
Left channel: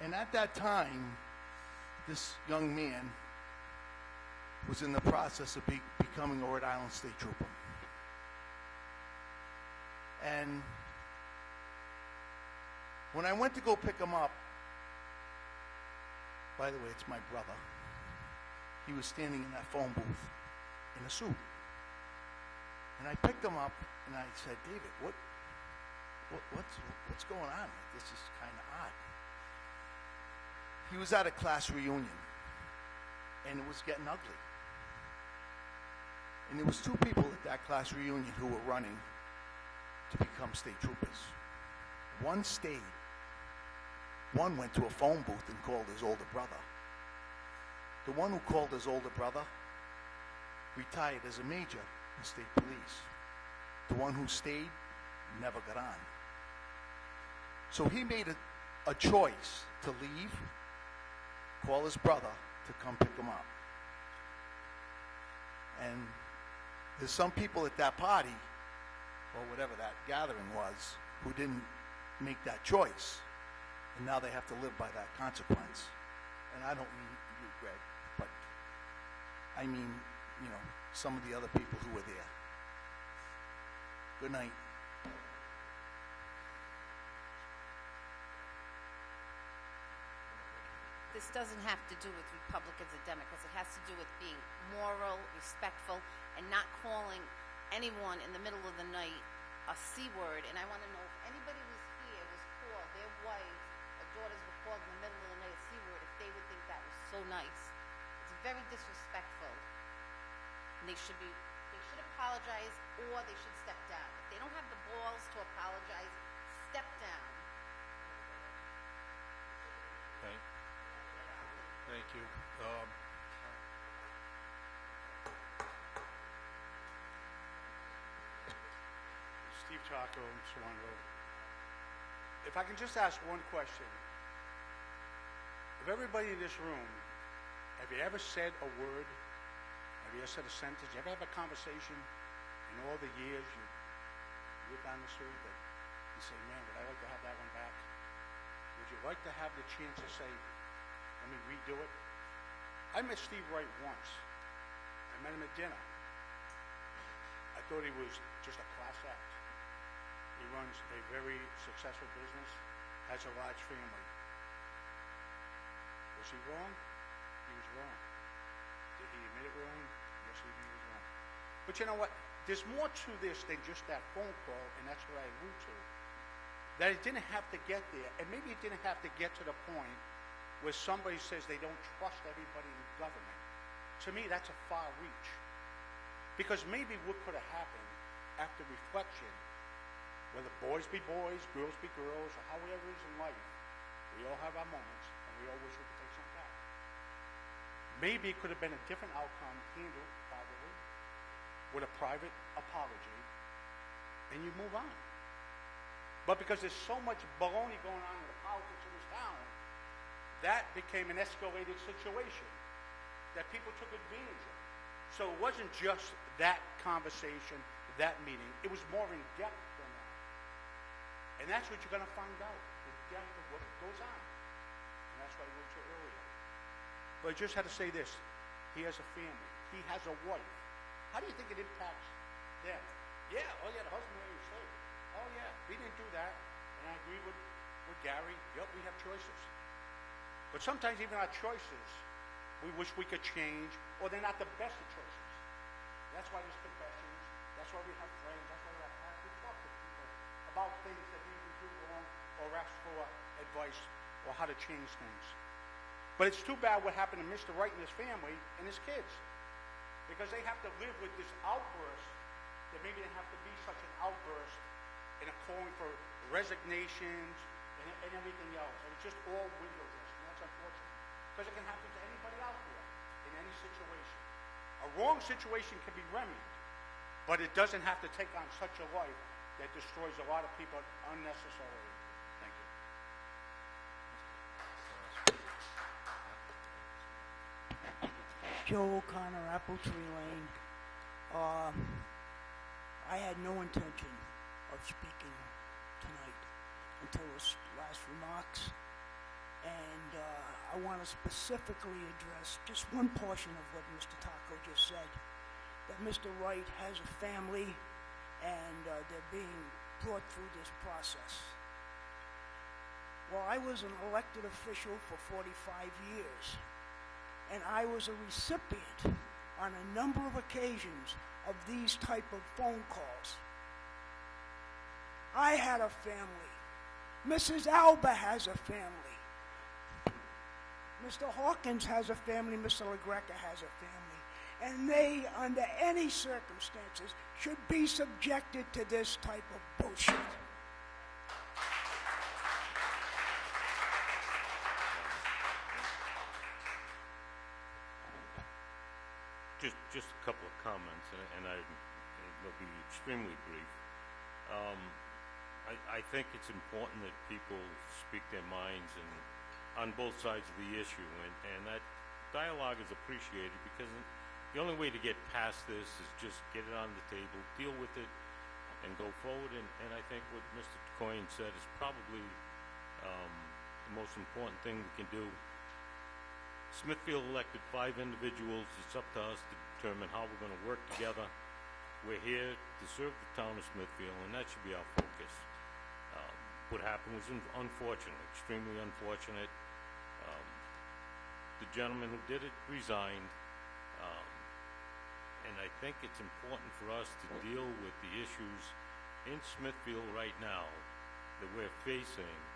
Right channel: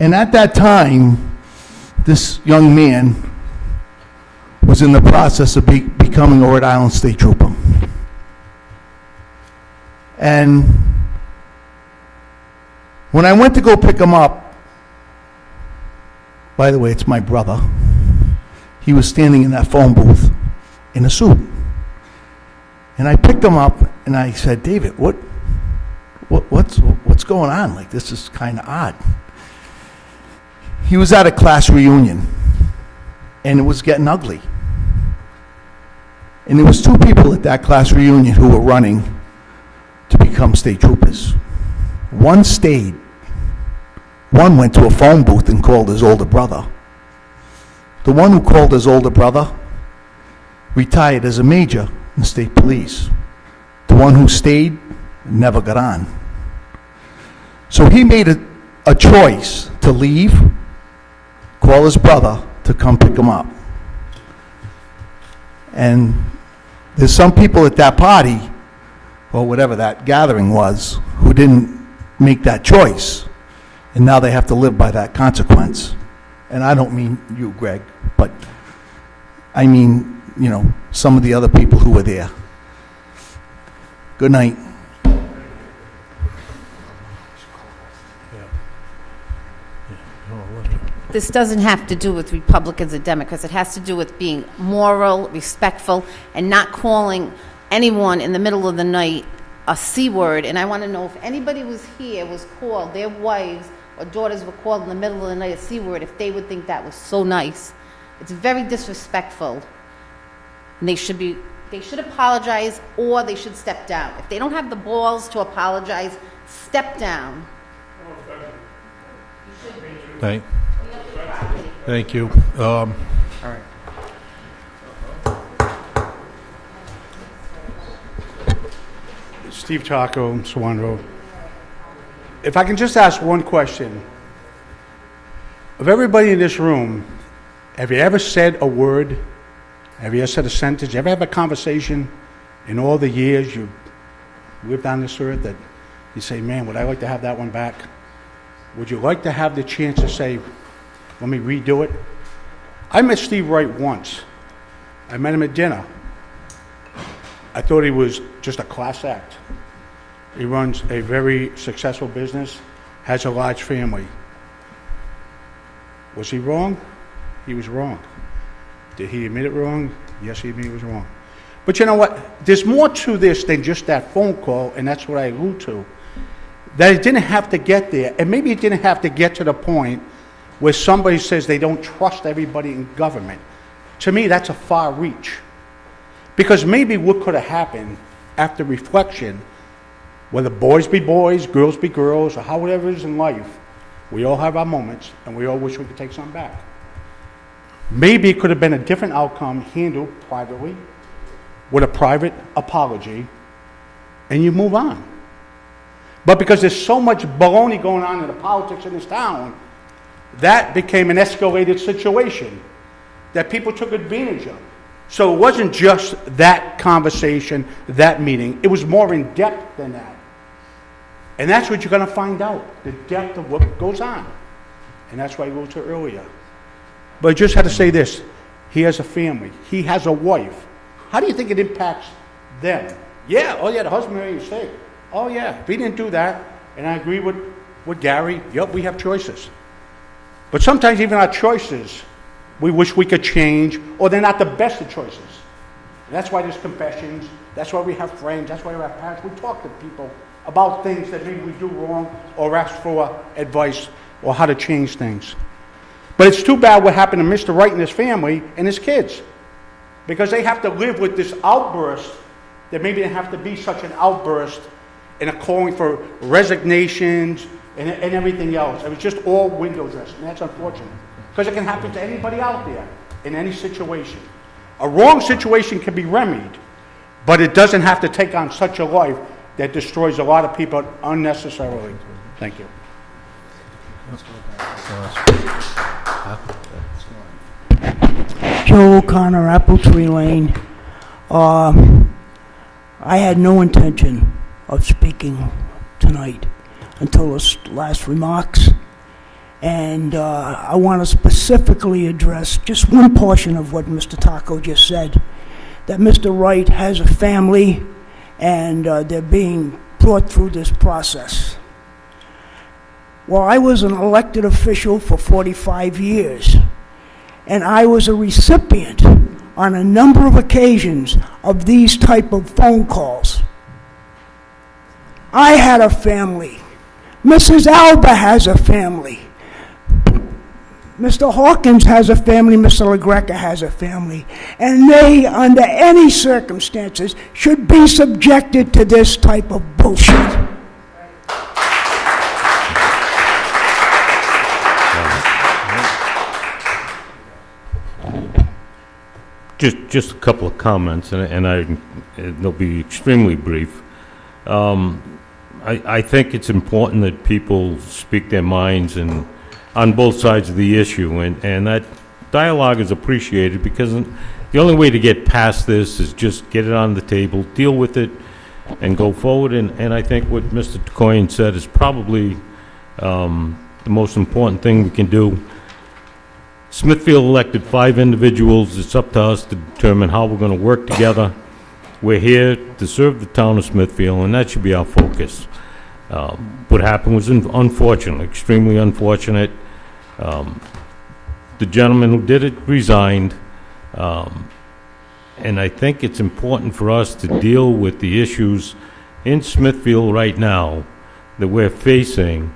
And at that time, this young man was in the process of becoming a Rhode Island State Trooper. And when I went to go pick him up, by the way, it's my brother, he was standing in that phone booth in a suit. And I picked him up and I said, David, what's going on? Like, this is kind of odd. He was at a class reunion, and it was getting ugly. And there was two people at that class reunion who were running to become state troopers. One stayed. One went to a phone booth and called his older brother. The one who called his older brother retired as a major in the state police. The one who stayed never got on. So he made a choice to leave, call his brother to come pick him up. And there's some people at that party, or whatever that gathering was, who didn't make that choice. And now they have to live by that consequence. And I don't mean you, Greg, but I mean, some of the other people who were there. Good night. this doesn't have to do with Republicans or Democrats. It has to do with being moral, respectful, and not calling anyone in the middle of the night a C word. And I want to know if anybody was here, was called, their wives or daughters were called in the middle of the night a C word, if they would think that was so nice. It's very disrespectful. And they should apologize, or they should step down. If they don't have the balls to apologize, step down. Thank you. Steve Taco, Swan Road. If I can just ask one question. Of everybody in this room, have you ever said a word? Have you ever said a sentence? You ever have a conversation in all the years you've lived on this earth that you say, man, would I like to have that one back? Would you like to have the chance to say, let me redo it? I met Steve Wright once. I met him at dinner. I thought he was just a class act. He runs a very successful business, has a large family. Was he wrong? He was wrong. Did he admit it wrong? Yes, he admitted he was wrong. But you know what? There's more to this than just that phone call, and that's what I allude to. That it didn't have to get there, and maybe it didn't have to get to the point where somebody says they don't trust everybody in government. To me, that's a far reach. Because maybe what could have happened after reflection, whether boys be boys, girls be girls, or however it is in life, we all have our moments, and we all wish we could take something back. Maybe it could have been a different outcome handled privately, with a private apology, and you move on. But because there's so much baloney going on in the politics in this town, that became an escalated situation that people took advantage of. So it wasn't just that conversation, that meeting. It was more in depth than that. And that's what you're going to find out, the depth of what goes on. And that's why I alluded to earlier. But I just had to say this. He has a family. He has a wife. How do you think it impacts them? Yeah, oh yeah, the husband made a mistake. Oh yeah, if he didn't do that, and I agree with Gary, yep, we have choices. But sometimes even our choices, we wish we could change, or they're not the best of choices. And that's why there's confessions, that's why we have friends, that's why we have parents. We talk to people about things that maybe we do wrong, or ask for advice, or how to change things. But it's too bad what happened to Mr. Wright and his family and his kids. Because they have to live with this outburst that maybe didn't have to be such an outburst and a calling for resignations and everything else. It was just all window dressing, and that's unfortunate. Because it can happen to anybody out there in any situation. A wrong situation can be remedied, but it doesn't have to take on such a life that destroys a lot of people unnecessarily. Thank you. Joe O'Connor, Apple Tree Lane. I had no intention of speaking tonight until the last remarks. And I want to specifically address just one portion of what Mr. Taco just said, that Mr. Wright has a family and they're being brought through this process. Well, I was an elected official for 45 years, and I was a recipient on a number of occasions of these type of phone calls. I had a family. Mrs. Alba has a family. Mr. Hawkins has a family, Mr. LaGreca has a family, and they, under any circumstances, should be subjected to this type of bullshit. Just a couple of comments, and they'll be extremely brief. I think it's important that people speak their minds and on both sides of the issue, and that dialogue is appreciated, because the only way to get past this is just get it on the table, deal with it, and go forward. And I think what Mr. Tacoyan said is probably the most important thing we can do. Smithfield elected 5 individuals. It's up to us to determine how we're going to work together. We're here to serve the town of Smithfield, and that should be our focus. What happened was unfortunate, extremely unfortunate. the gentleman who did it resigned, and I think it's important for us to deal with the issues in Smithfield right now that we're facing,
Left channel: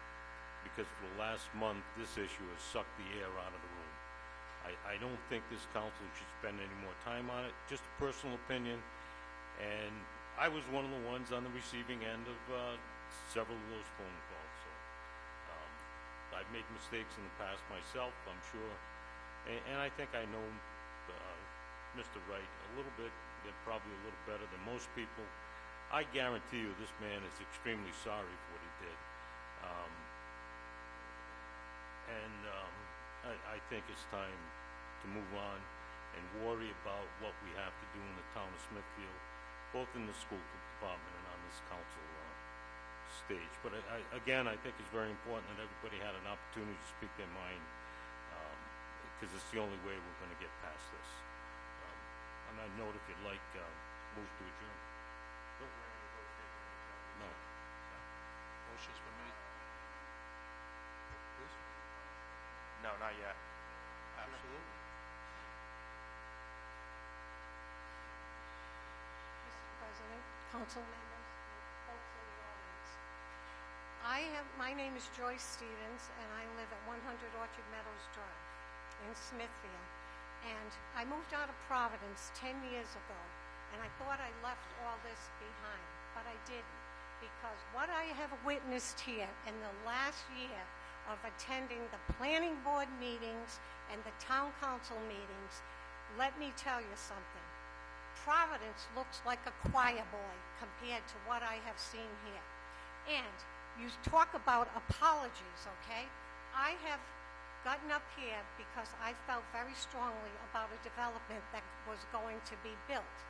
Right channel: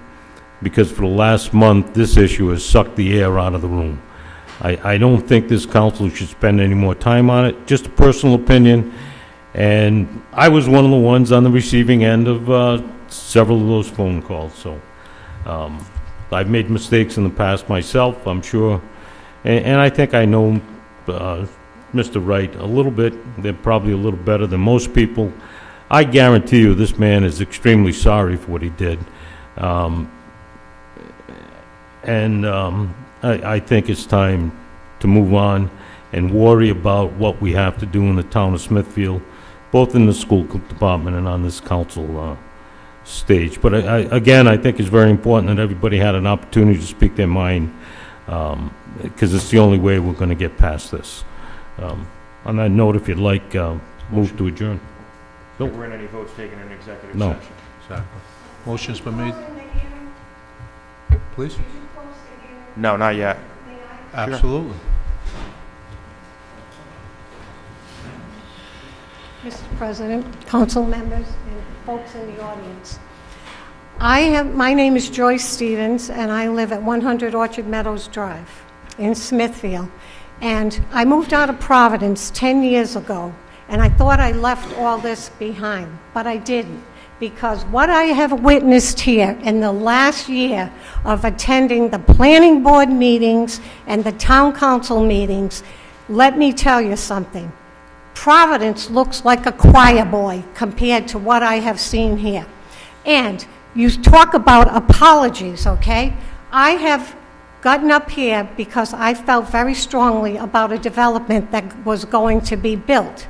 because for the last month, this issue has sucked the air out of the room. I don't think this council should spend any more time on it, just a personal opinion, and I was one of the ones on the receiving end of several of those phone calls, so I've made mistakes in the past myself, I'm sure, and I think I know Mr. Wright a little bit. They're probably a little better than most people. I guarantee you this man is extremely sorry for what he did. I think it's time to move on and worry about what we have to do in the town of Smithfield, both in the school department and on this council stage. But again, I think it's very important that everybody had an opportunity to speak their mind, because it's the only way we're going to get past this. On that note, if you'd like, move to adjourn. There weren't any votes taken in executive No. session. Exactly. Motion's been made. Please? No, not yet. Absolutely. Mr. President, council members, and folks in the audience. My name is Joyce Stevens, and I live at 100 Orchard Meadows Drive in Smithfield. And I moved out of Providence 10 years ago, and I thought I left all this behind, but I didn't. Because what I have witnessed here in the last year of attending the planning board meetings and the town council meetings, let me tell you something. Providence looks like a choir boy compared to what I have seen here. And you talk about apologies, okay? I have gotten up here because I felt very strongly about a development that was going to be built.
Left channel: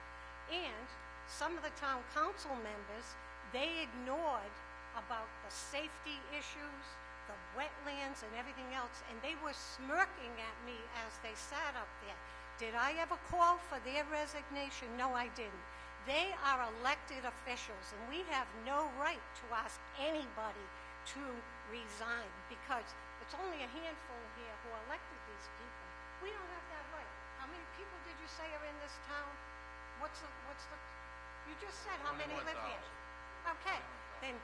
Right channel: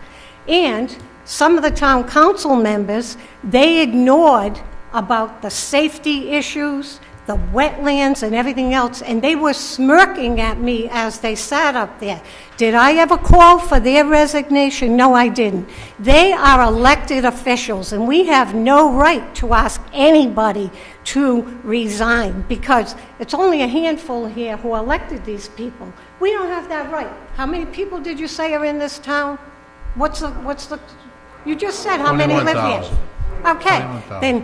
And some of the town council members, they ignored about the safety issues, the wetlands and everything else, and they were smirking at me as they sat up there. Did I ever call for their resignation? No, I didn't. They are elected officials, and we have no right to ask anybody to resign, because it's only a handful here who elected these people. We don't have that right. How many people did you say are in this town? What's the, you just said how many live here. 21,000. Okay, 21,000. then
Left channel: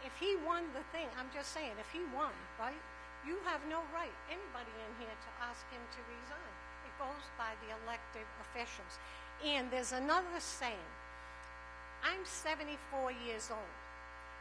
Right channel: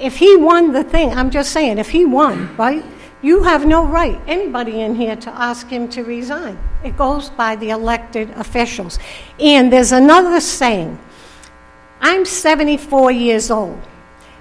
if he won the thing, I'm just saying, if he won, right, you have no right, anybody in here, to ask him to resign. It goes by the elected officials. And there's another saying. I'm 74 years old,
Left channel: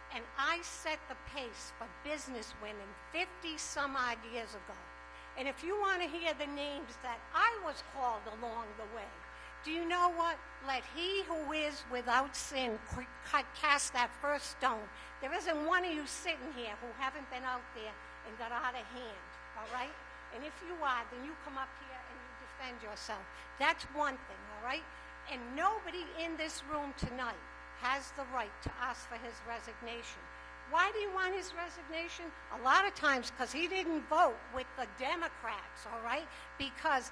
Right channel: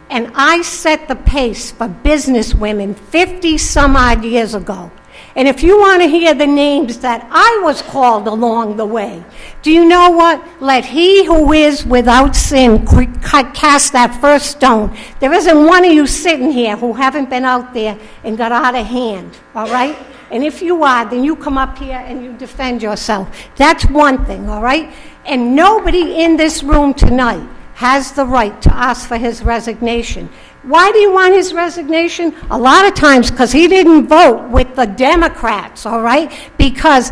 and I set the pace for business women 50 some odd years ago. And if you want to hear the names that I was called along the way, do you know what? Let he who is without sin cast that first stone. There isn't one of you sitting here who haven't been out there and got out of hand, all right? And if you are, then you come up here and you defend yourself. That's one thing, all right? And nobody in this room tonight has the right to ask for his resignation. Why do you want his resignation? A lot of times because he didn't vote with the Democrats, all right? Because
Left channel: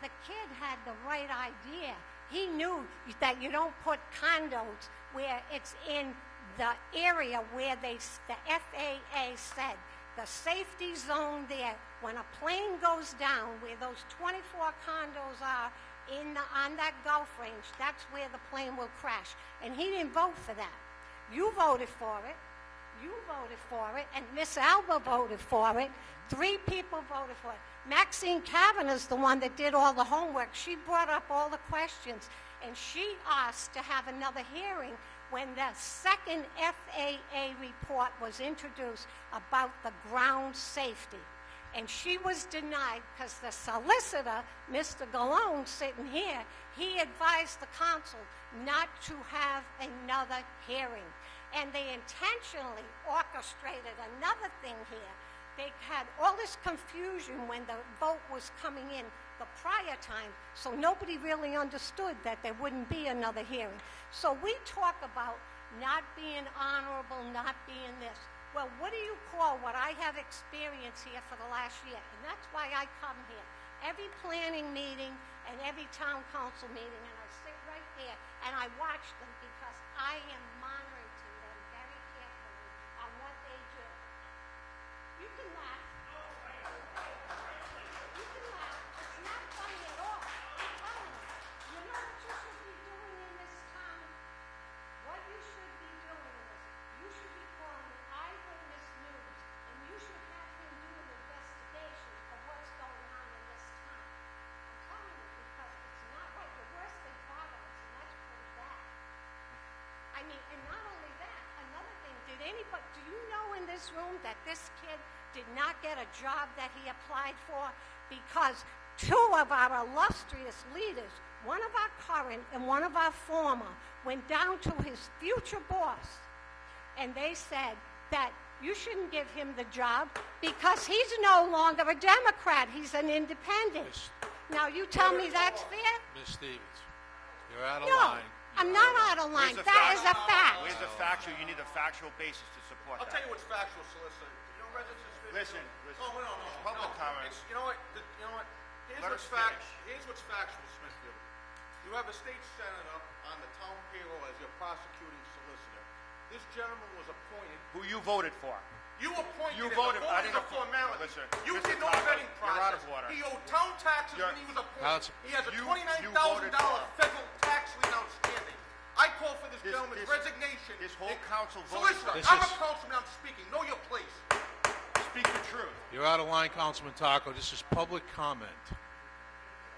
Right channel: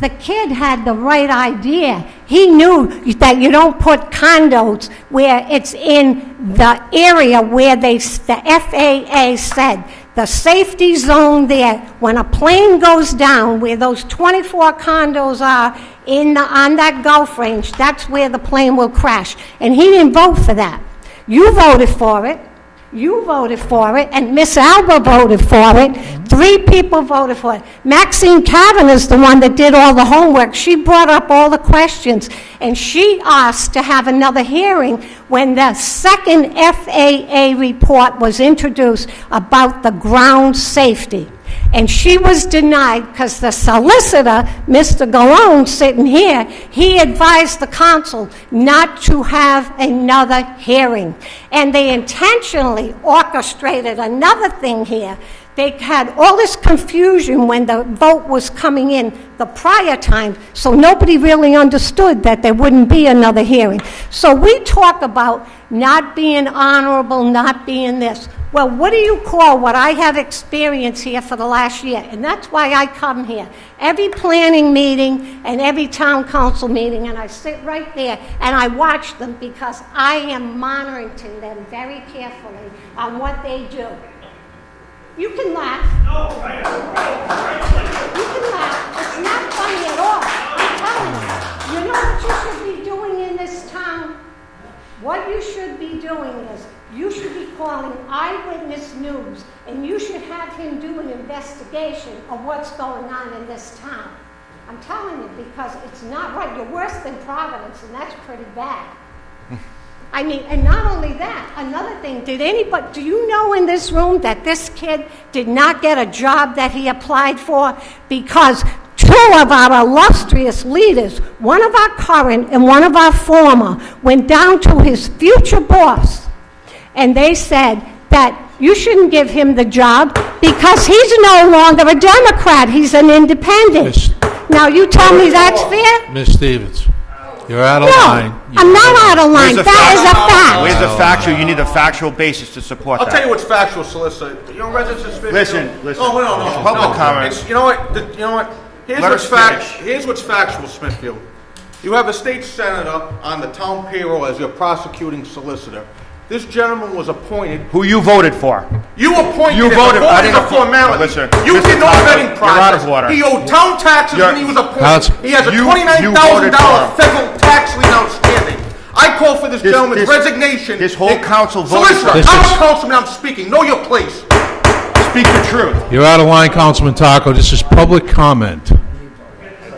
the kid had the right idea. He knew that you don't put condos where it's in the area where the FAA said the safety zone there, when a plane goes down, where those 24 condos are on that Gulf range, that's where the plane will crash. And he didn't vote for that. You voted for it. You voted for it, and Miss Alba voted for it. 3 people voted for it. Maxine Cavan is the one that did all the homework. She brought up all the questions, and she asked to have another hearing when the second FAA report was introduced about the ground safety. And she was denied because the solicitor, Mr. Galone, sitting here, he advised the council not to have another hearing. And they intentionally orchestrated another thing here. They had all this confusion when the vote was coming in the prior time, so nobody really understood that there wouldn't be another hearing. So we talk about not being honorable, not being this. Well, what do you call what I have experienced here for the last year? And that's why I come here. Every planning meeting and every town council meeting, and I sit right there and I watch them because I am monitoring them very carefully on what they do. You can laugh. You can him do an investigation of what's going on in this town. I'm telling you, because it's not right. You're worse than Providence, and that's pretty bad. I mean, and not only that, another thing, do you know in this room that this kid did not get a job that he applied for? Because two of our illustrious leaders, one of our current and one of our former, went down to his future boss, and they said that you shouldn't give him the job because he's no longer a Democrat, he's an independent. Now, you tell me that's fair? Ms. Stevens, you're out of No, line. I'm not out of line. That is a fact. Where's the factual? You need a factual basis to support I'll that. tell you what's factual, Solicitor. You know, residents of Smithfield... Listen. Oh, no. It's public comment. You know what? Here's Let what's us fact. finish. Here's what's factual, Smithfield. You have a state senator on the town payroll as your prosecuting solicitor. This gentleman was appointed... Who you voted for? You appointed You him. voted- I Voting is a didn't- formality. Listen, You Mr. did no Taco, vetting you're out process. of order. He owed town taxes when he was appointed. He has a you $29,000 voted for him. federal tax lien outstanding. I call for this gentleman's resignation. This whole council voted for Solicitor, him. I'm a councilman, I'm speaking. Know your place. Speak the truth. You're out of line, Councilman Taco. This is public comment.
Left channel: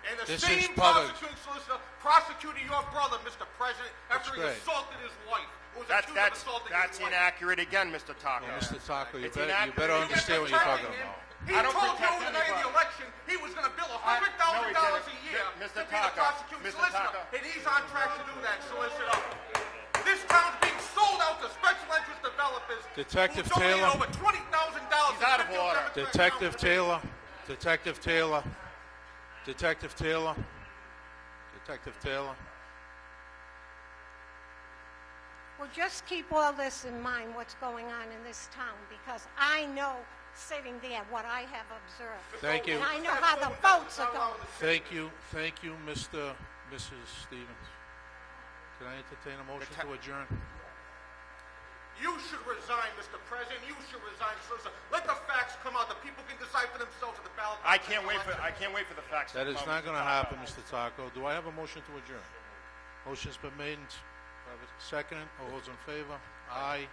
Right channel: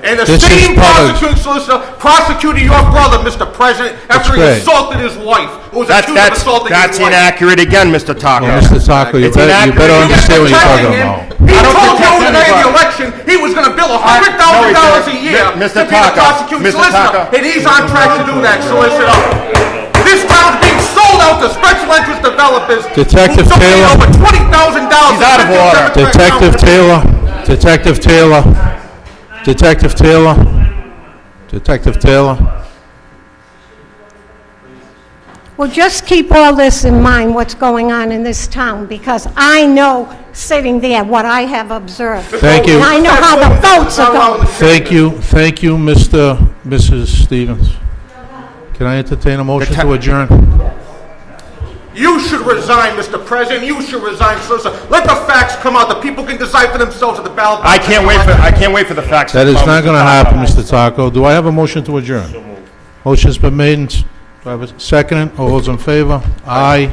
And the This is same public. prosecuting solicitor prosecuted your brother, Mr. President, after he great. assaulted his wife. Who was accused of assaulting That's his wife. inaccurate again, Mr. Taco. Well, Mr. Taco, you It's better inaccurate. understand what you're talking Protecting him. about. He I don't told you protect on the day of the anybody. election he was going to bill No, $100,000 he a year didn't. to Mr. be the Taco, prosecuting Mr. solicitor. Taco. And he's on track to do that, solicitor. This town's being sold out to special interest developers. Detective who donated Taylor. over $20,000. He's out of order. Detective Taylor. Detective Taylor. Detective Taylor. Detective Taylor. Well, just keep all this in mind, what's going on in this town, because I know, sitting there, what I have observed. Thank you. And I know how the votes are going. Thank you, Mrs. Stevens. Can I entertain a motion to adjourn? You should resign, Mr. President. You should resign, solicitor. Let the facts come out. The people can decide for themselves at the ballot. I can't wait for the facts. That to is come, not Mr. going to Taco. happen, Mr. Taco. Do I have a motion to adjourn? Motion's been made. Do I have a second? All those in favor? Aye.